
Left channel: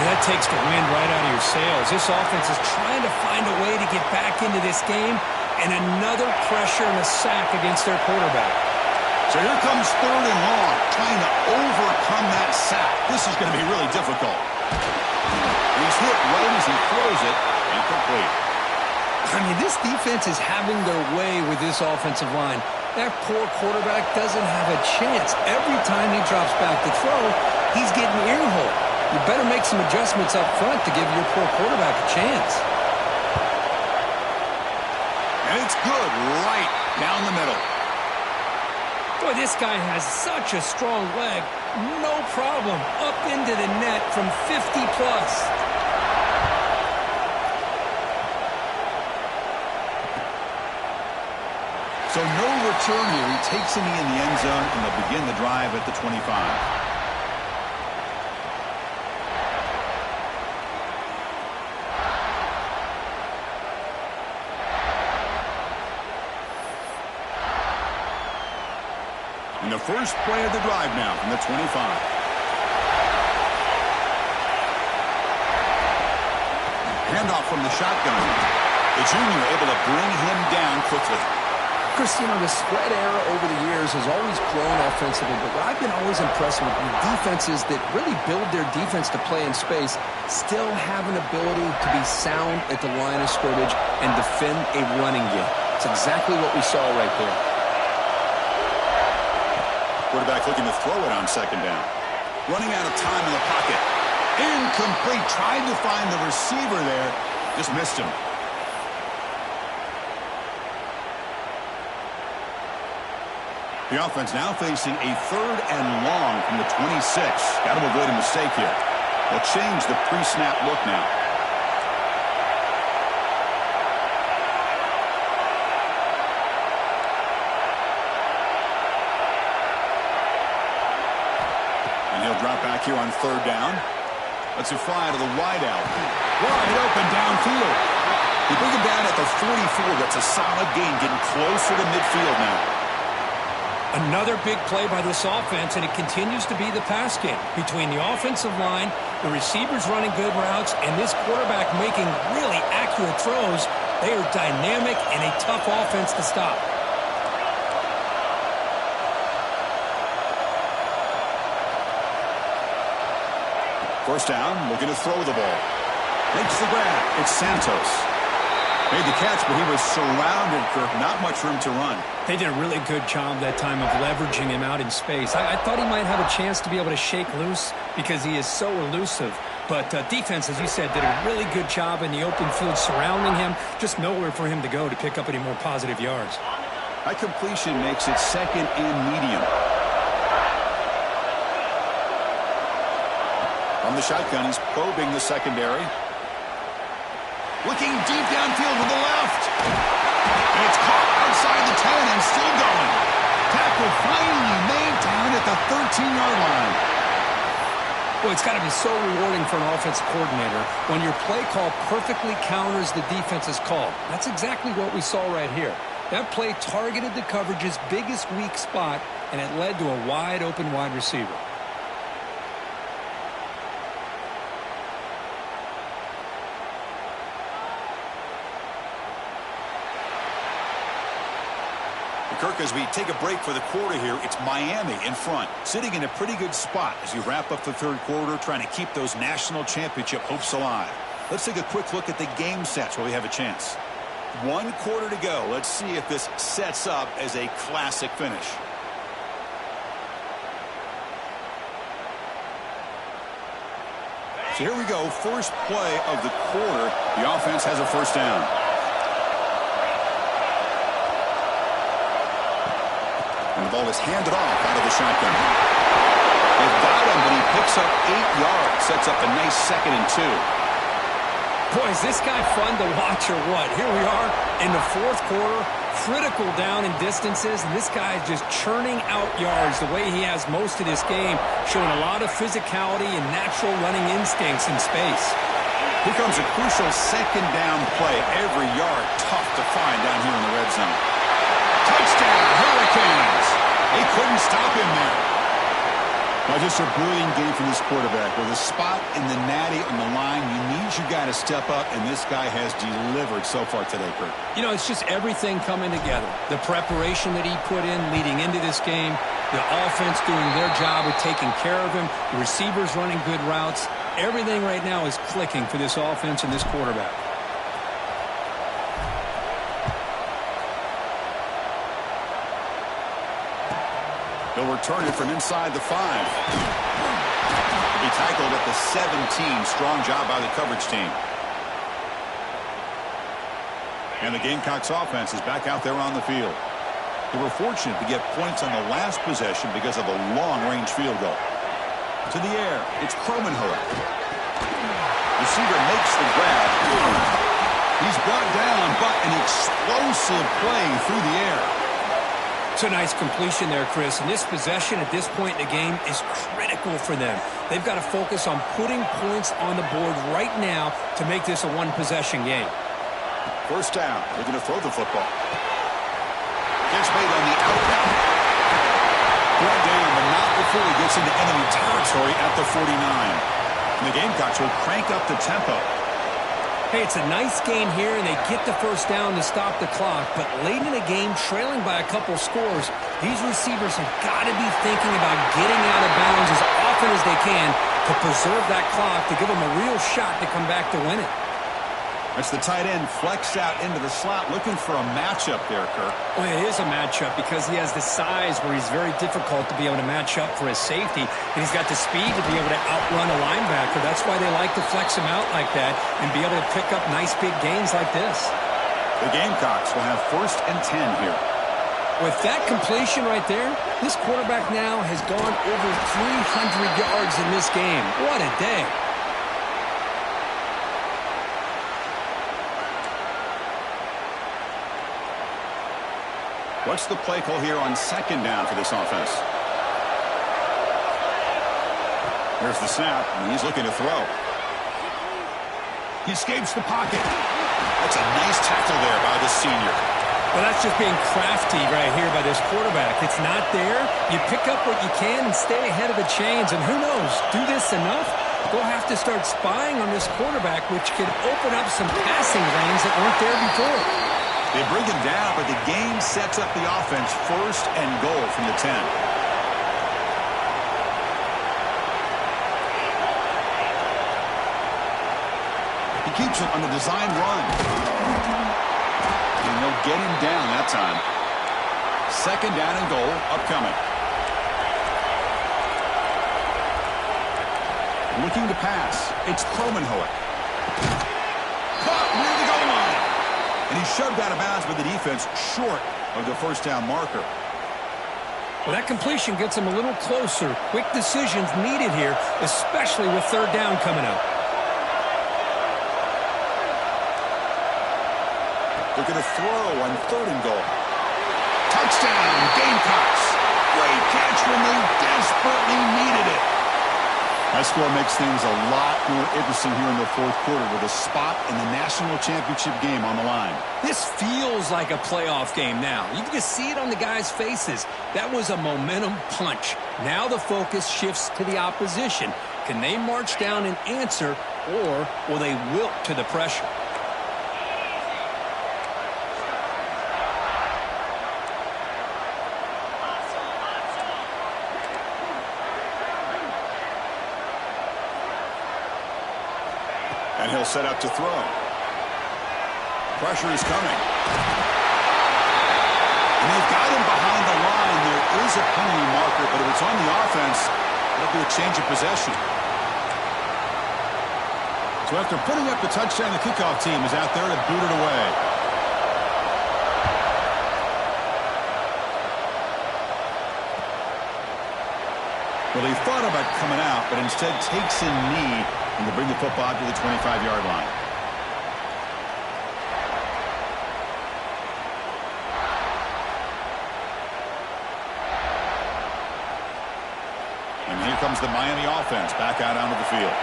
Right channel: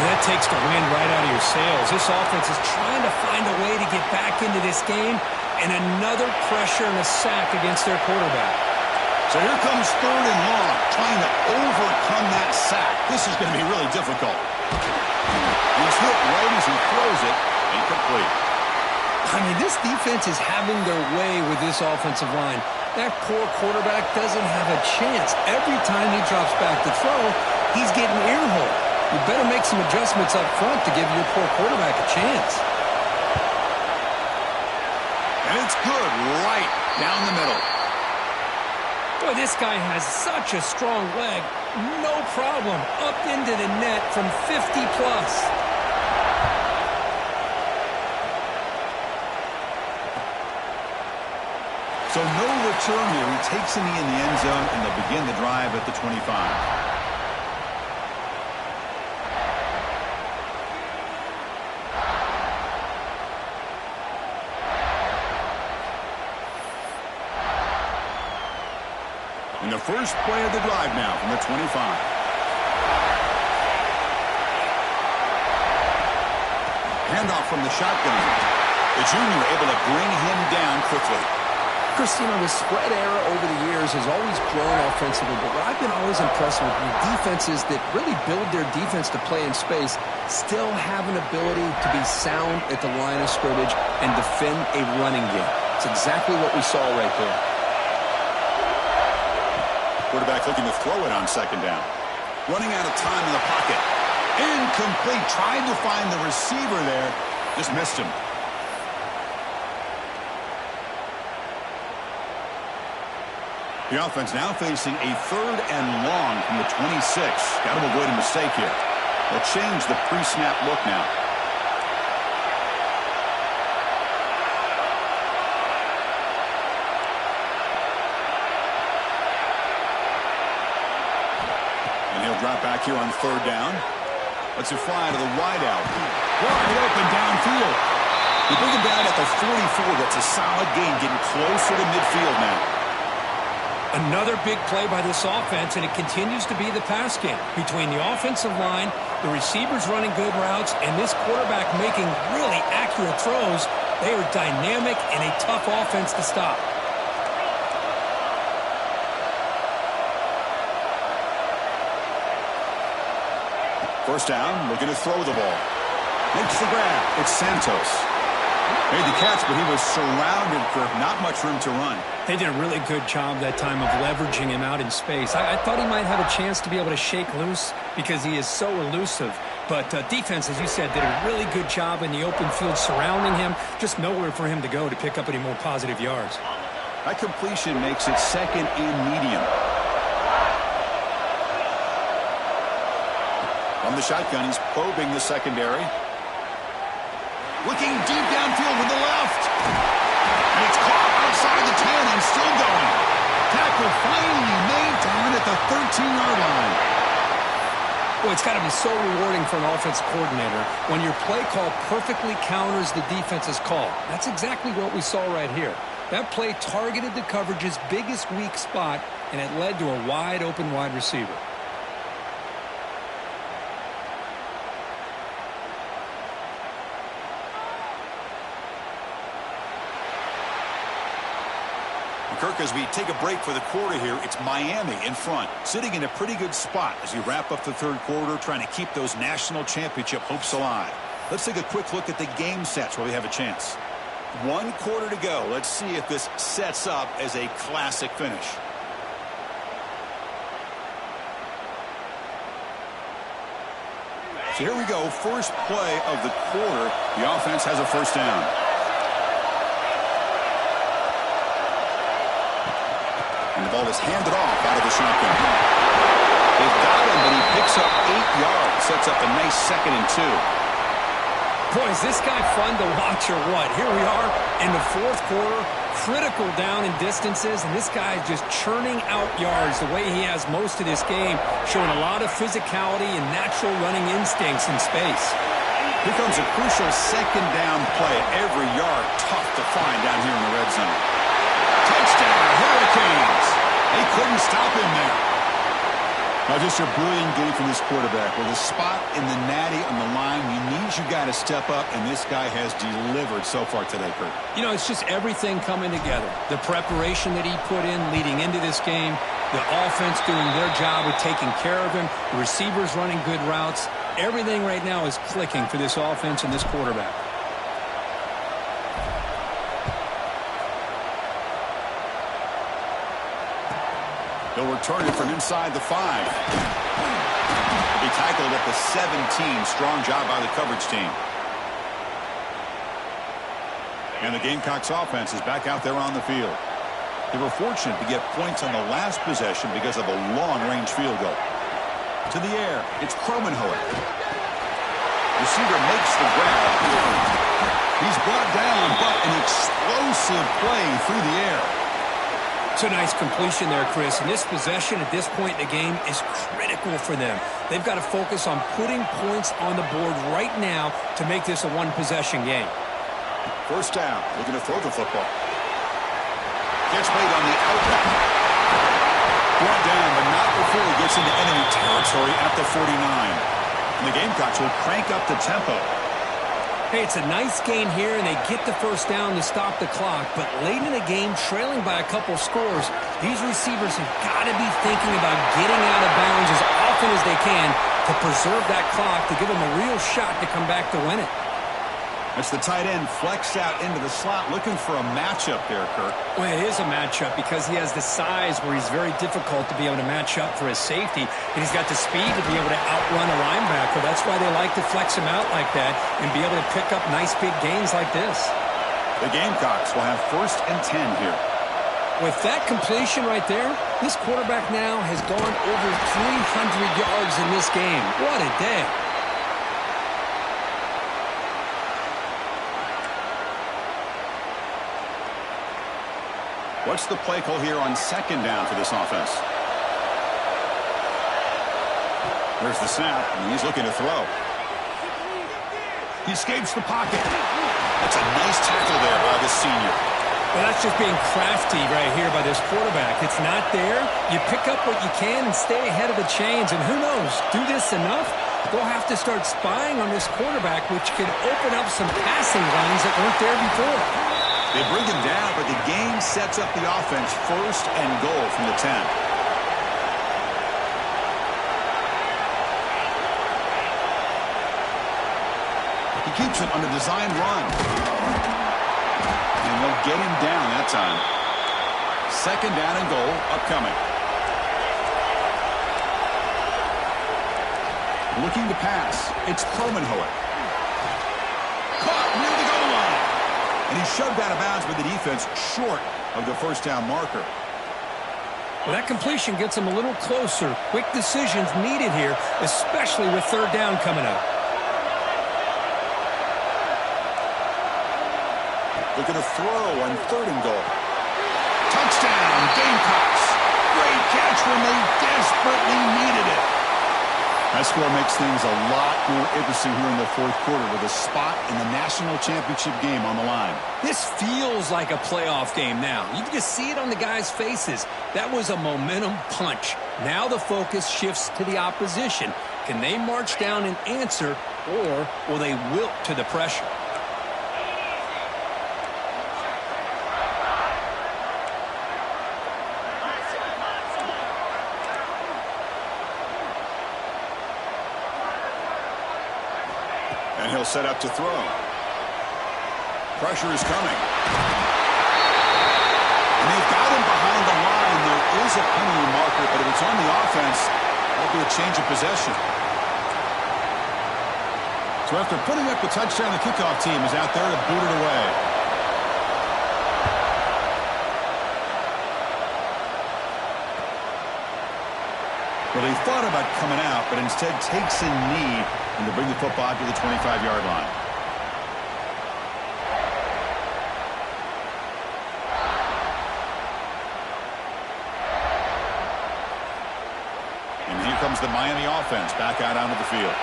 Well, that takes the wind right out of your sails. This offense is trying to find a way to get back into this game, and another pressure and a sack against their quarterback. So here comes third and long, trying to overcome that sack. This is going to be really difficult. He's hit right as he throws it, incomplete. I mean, this defense is having their way with this offensive line. That poor quarterback doesn't have a chance. Every time he drops back to throw, he's getting earholed. You better make some adjustments up front to give your poor quarterback a chance. And it's good right down the middle. Boy, this guy has such a strong leg. No problem. Up into the net from 50 plus. So no return here. He takes him in the end zone, and they'll begin the drive at the 25. And the first play of the drive now from the 25. Handoff from the shotgun. The junior able to bring him down quickly. Chris, you know, the spread era over the years has always grown offensively, but what I've been always impressed with defenses that really build their defense to play in space still have an ability to be sound at the line of scrimmage and defend a running game. It's exactly what we saw right there. Quarterback looking to throw it on second down. Running out of time in the pocket. Incomplete. Tried to find the receiver there. Just missed him. The offense now facing a 3rd and long from the 26. Got to avoid a mistake here. They'll change the pre-snap look now. And he'll drop back here on 3rd down. Let's it fly to the wideout. Wide open downfield. You bring him down at the 44. That's a solid gain, getting closer to midfield now. Another big play by this offense, and it continues to be the pass game. Between the offensive line, the receivers running good routes, and this quarterback making really accurate throws, they are dynamic and a tough offense to stop. First down, looking to throw the ball. Makes the grab. It's Santos. Made the catch, but he was surrounded, Kirk. Not much room to run. They did a really good job that time of leveraging him out in space. I thought he might have a chance to be able to shake loose because he is so elusive. But defense, as you said, did a really good job in the open field surrounding him. Just nowhere for him to go to pick up any more positive yards. That completion makes it 2nd and medium. From the shotgun, he's probing the secondary. Looking deep downfield to the left. And it's caught outside the 10 and still going. Tackle finally made down at the 13-yard line. Well, it's got to be so rewarding for an offensive coordinator when your play call perfectly counters the defense's call. That's exactly what we saw right here. That play targeted the coverage's biggest weak spot, and it led to a wide-open wide receiver. Kirk, as we take a break for the quarter here, it's Miami in front, sitting in a pretty good spot as you wrap up the 3rd quarter, trying to keep those national championship hopes alive. Let's take a quick look at the game sets while we have a chance. 1 quarter to go. Let's see if this sets up as a classic finish. So here we go. First play of the quarter. The offense has a first down. And the ball is handed off out of the shotgun. They've got him, but he picks up 8 yards. Sets up a nice 2nd and 2. Boy, is this guy fun to watch or what? Here we are in the 4th quarter, critical down in distances, and this guy is just churning out yards the way he has most of this game, showing a lot of physicality and natural running instincts in space. Here comes a crucial 2nd down play. Every yard tough to find down here in the red zone. Touchdown, Hurricanes. They couldn't stop him there. Now, just a brilliant game from this quarterback. With a spot in the natty on the line, you need your guy to step up, and this guy has delivered so far today, Kurt. You know, it's just everything coming together. The preparation that he put in leading into this game, the offense doing their job with taking care of him, the receivers running good routes. Everything right now is clicking for this offense and this quarterback. He'll return it from inside the 5. He'll be tackled at the 17. Strong job by the coverage team. And the Gamecocks offense is back out there on the field. They were fortunate to get points on the last possession because of a long-range field goal. To the air, it's Kromenhoek. Receiver makes the grab. He's brought down, but an explosive play through the air. It's a nice completion there, Chris. And this possession at this point in the game is critical for them. They've got to focus on putting points on the board right now to make this a one-possession game. First down. Looking to throw the football. Catch made on the out route. Brought down, but not before he gets into enemy territory at the 49. And the Gamecocks will crank up the tempo. Hey, it's a nice gain here, and they get the first down to stop the clock. But late in the game, trailing by a couple scores, these receivers have got to be thinking about getting out of bounds as often as they can to preserve that clock, to give them a real shot to come back to win it. That's the tight end flexed out into the slot, looking for a matchup there, Kirk. Well, it is a matchup because he has the size where he's very difficult to be able to match up for his safety, and he's got the speed to be able to outrun a linebacker. That's why they like to flex him out like that and be able to pick up nice big gains like this. The Gamecocks will have 1st and 10 here. With that completion right there, this quarterback now has gone over 300 yards in this game. What a day. What's the play call here on 2nd down for this offense? Here's the snap, and he's looking to throw. He escapes the pocket. That's a nice tackle there by the senior. Well, that's just being crafty right here by this quarterback. It's not there. You pick up what you can and stay ahead of the chains. And who knows, do this enough, they'll have to start spying on this quarterback, which could open up some passing lanes that weren't there before. They bring him down, but the game sets up the offense 1st and goal from the 10. He keeps it on the design run. And they'll get him down that time. 2nd down and goal upcoming. Looking to pass. It's Kromenhoek. Caught near the goal line. And he's shoved out of bounds by the defense short of the 1st down marker. Well, that completion gets him a little closer. Quick decisions needed here, especially with 3rd down coming up. Look at a throw on 3rd and goal. Touchdown, Gamecocks. Great catch when they desperately needed it. That score makes things a lot more interesting here in the 4th quarter with a spot in the national championship game on the line. This feels like a playoff game now. You can just see it on the guys' faces. That was a momentum punch. Now the focus shifts to the opposition. Can they march down and answer, or will they wilt to the pressure? And he'll set up to throw. Pressure is coming. And they've got him behind the line. There is a penalty marker, but if it's on the offense, it'll be a change of possession. So after putting up the touchdown, the kickoff team is out there to boot it away. Well, he thought about coming out, but instead takes a knee and to bring the football to the 25-yard line. And here comes the Miami offense back out onto the field.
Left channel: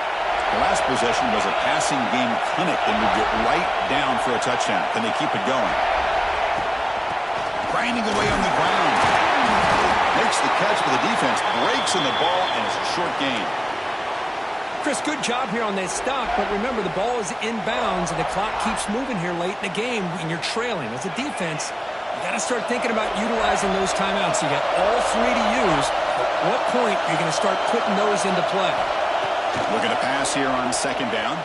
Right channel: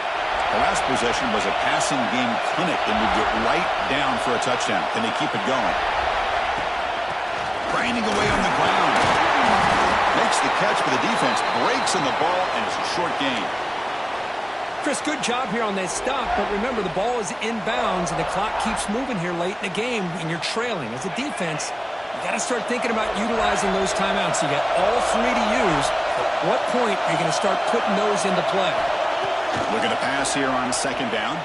The last possession was a passing game clinic. They moved it right down for a touchdown. Can they keep it going? Grinding away on the ground. Makes the catch, but the defense breaks on the ball, and it's a short gain. Chris, good job here on that stop, but remember, the ball is inbounds, and the clock keeps moving here late in the game, and you're trailing. As a defense, you got to start thinking about utilizing those timeouts. You got all 3 to use. At what point are you going to start putting those into play? Looking to pass here on 2nd down.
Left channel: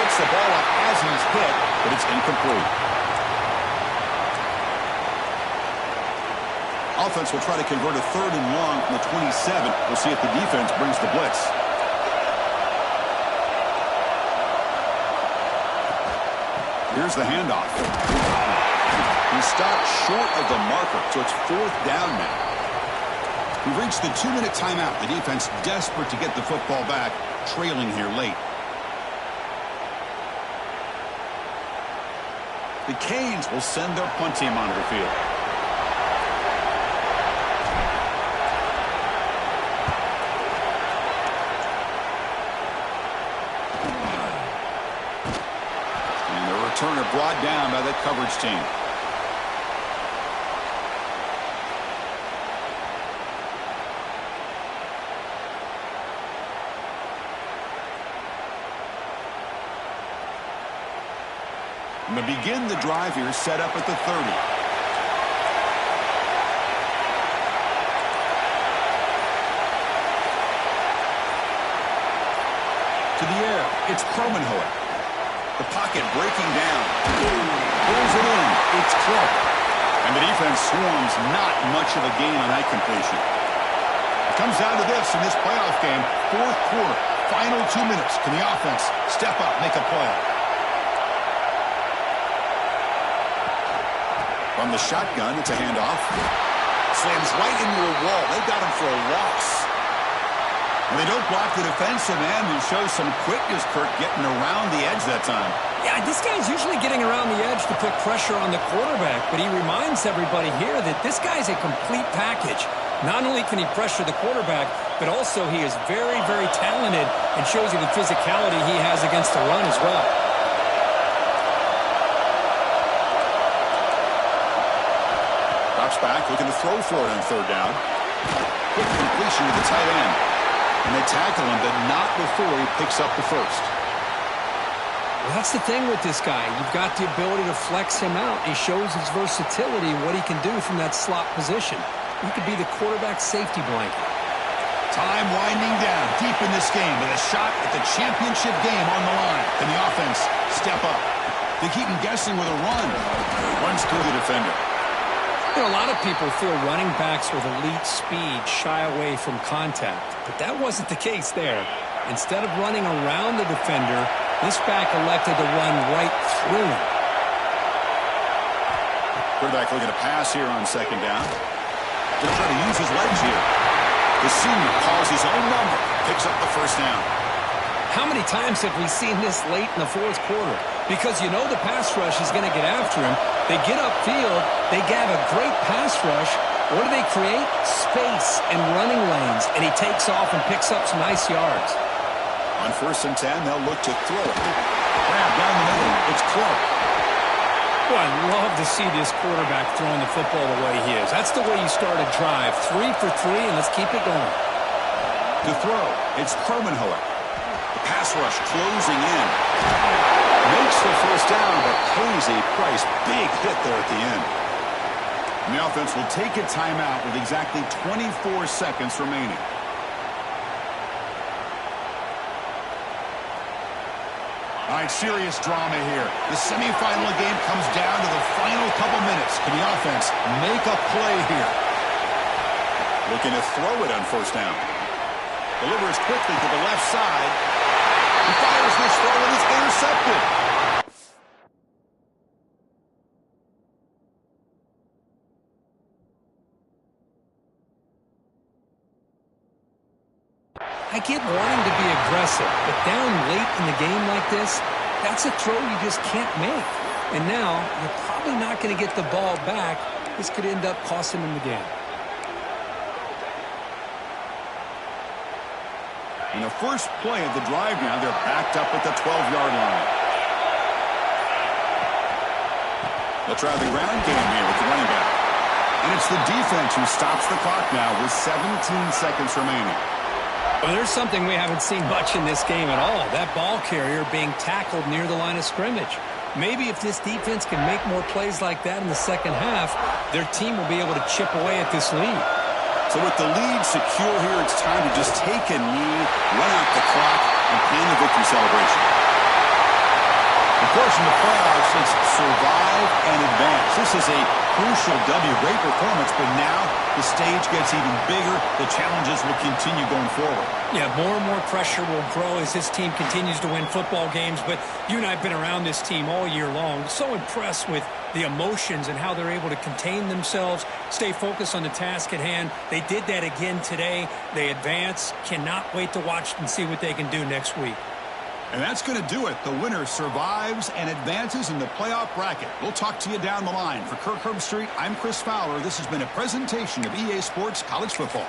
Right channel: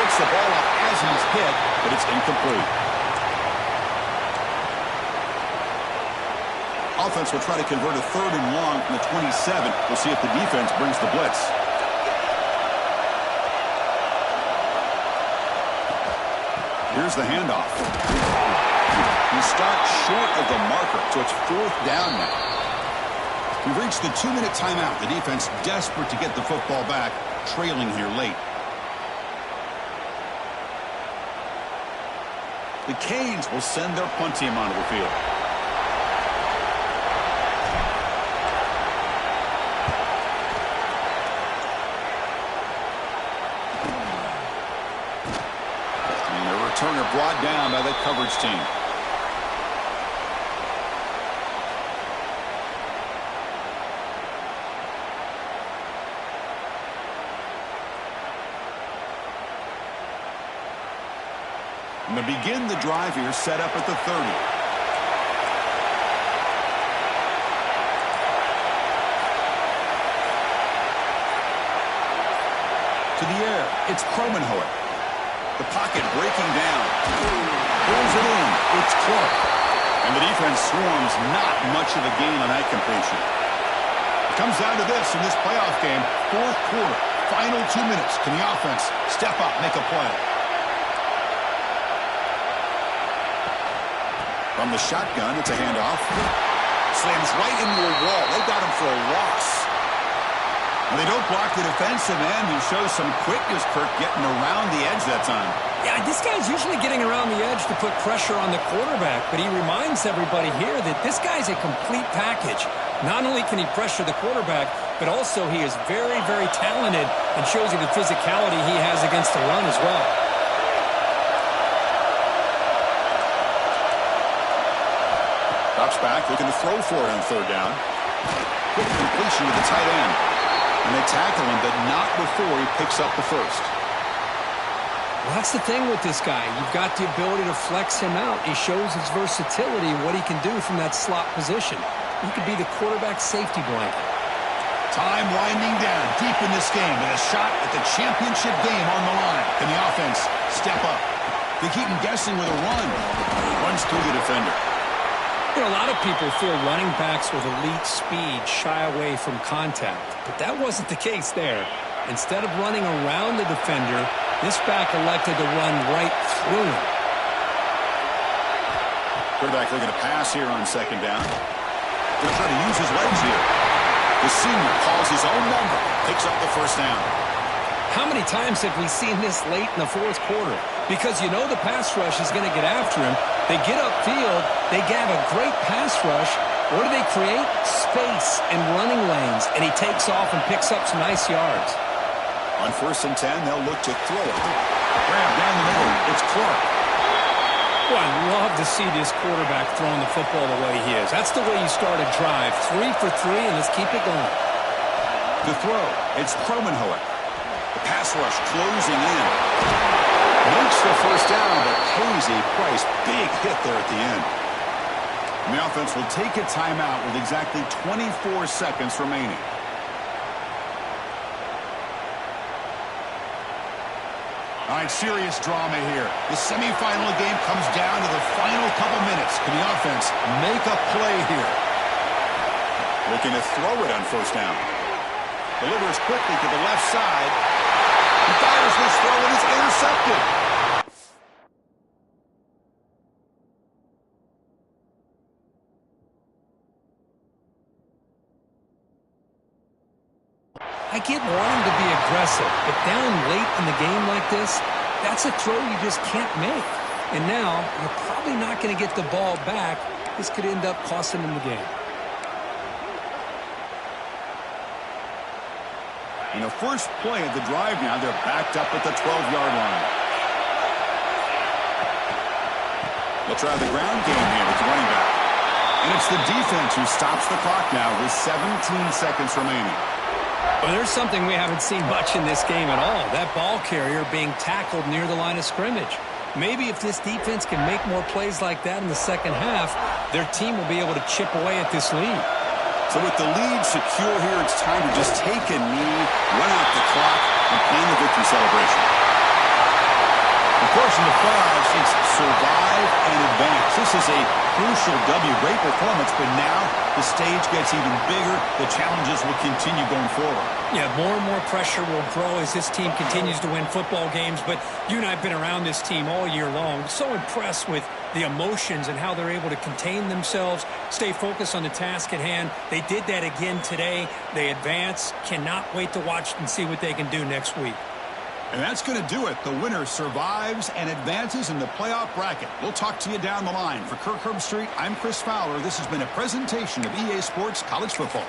Gets the ball up as he's hit, but it's incomplete. Offense will try to convert a 3rd and long from the 27. We'll see if the defense brings the blitz. Here's the handoff. He stopped short of the marker, so it's 4th down now. We've reached the 2-minute timeout. The defense desperate to get the football back, trailing here late. The Canes will send their punt team onto the field. Turner brought down by the coverage team. And to begin the drive here, set up at the 30. To the air, it's Kromenhoek. The pocket breaking down. Pulls it in. It's Clark. And the defense swarms. Not much of a gain on that completion. It comes down to this in this playoff game. Fourth quarter. Final 2 minutes. Can the offense step up, make a play? From the shotgun, it's a handoff. Slams right into a wall. They got him for a loss. Well, they don't block the defensive end and show some quickness, Kirk, getting around the edge that time. Yeah, this guy's usually getting around the edge to put pressure on the quarterback, but he reminds everybody here that this guy's a complete package. Not only can he pressure the quarterback, but also he is very, very talented and shows you the physicality he has against the run as well. Drops back, looking to throw for it on third down. Quick completion to the tight end. And they tackle him, but not before he picks up the first. Well, that's the thing with this guy. You've got the ability to flex him out. He shows his versatility, what he can do from that slot position. He could be the quarterback safety blanket. Time winding down deep in this game with a shot at the championship game on the line. Can the offense step up? They keep him guessing with a run. Runs through the defender. You know, a lot of people feel running backs with elite speed shy away from contact, but that wasn't the case there. Instead of running around the defender, this back elected to run right through him. Quarterback looking to pass here on second down. They'll try to use his legs here. The senior calls his own number, picks up the first down. How many times have we seen this late in the fourth quarter? Because you know the pass rush is going to get after him. They get upfield. They have a great pass rush. What do they create? Space and running lanes. And he takes off and picks up some nice yards. On 1st and 10, they'll look to throw it. Grab down the middle. It's Clark. Well, I love to see this quarterback throwing the football the way he is. That's the way you start a drive. 3 for 3, and let's keep it going. To throw, it's Kromenhoek. The pass rush closing in. Makes the first down, but pays a price. Big hit there at the end. And the offense will take a timeout with exactly 24 seconds remaining. All right, serious drama here. The semifinal game comes down to the final couple minutes. Can the offense make a play here? Looking to throw it on first down. Delivers quickly to the left side. He fires this throw and it's intercepted. I get wanting to be aggressive, but down late in the game like this, that's a throw you just can't make. And now, you're probably not going to get the ball back. This could end up costing them the game. In the first play of the drive now, they're backed up at the 12-yard line. They'll try the ground game here with the running back. And it's the defense who stops the clock now with 17 seconds remaining. Well, there's something we haven't seen much in this game at all. That ball carrier being tackled near the line of scrimmage. Maybe if this defense can make more plays like that in the second half, their team will be able to chip away at this lead. So with the lead secure here, it's time to just take a knee, run out the clock, and plan the victory celebration. Of course, in the playoffs, it's survive and advance. This is a crucial W. Great performance, but now the stage gets even bigger. The challenges will continue going forward. Yeah, more and more pressure will grow as this team continues to win football games, but you and I have been around this team all year long. So impressed with the emotions and how they're able to contain themselves, stay focused on the task at hand. They did that again today. They advance. Cannot wait to watch and see what they can do next week. And that's going to do it. The winner survives and advances in the playoff bracket. We'll talk to you down the line. For Kirk Herbstreit, I'm Chris Fowler. This has been a presentation of EA Sports College Football.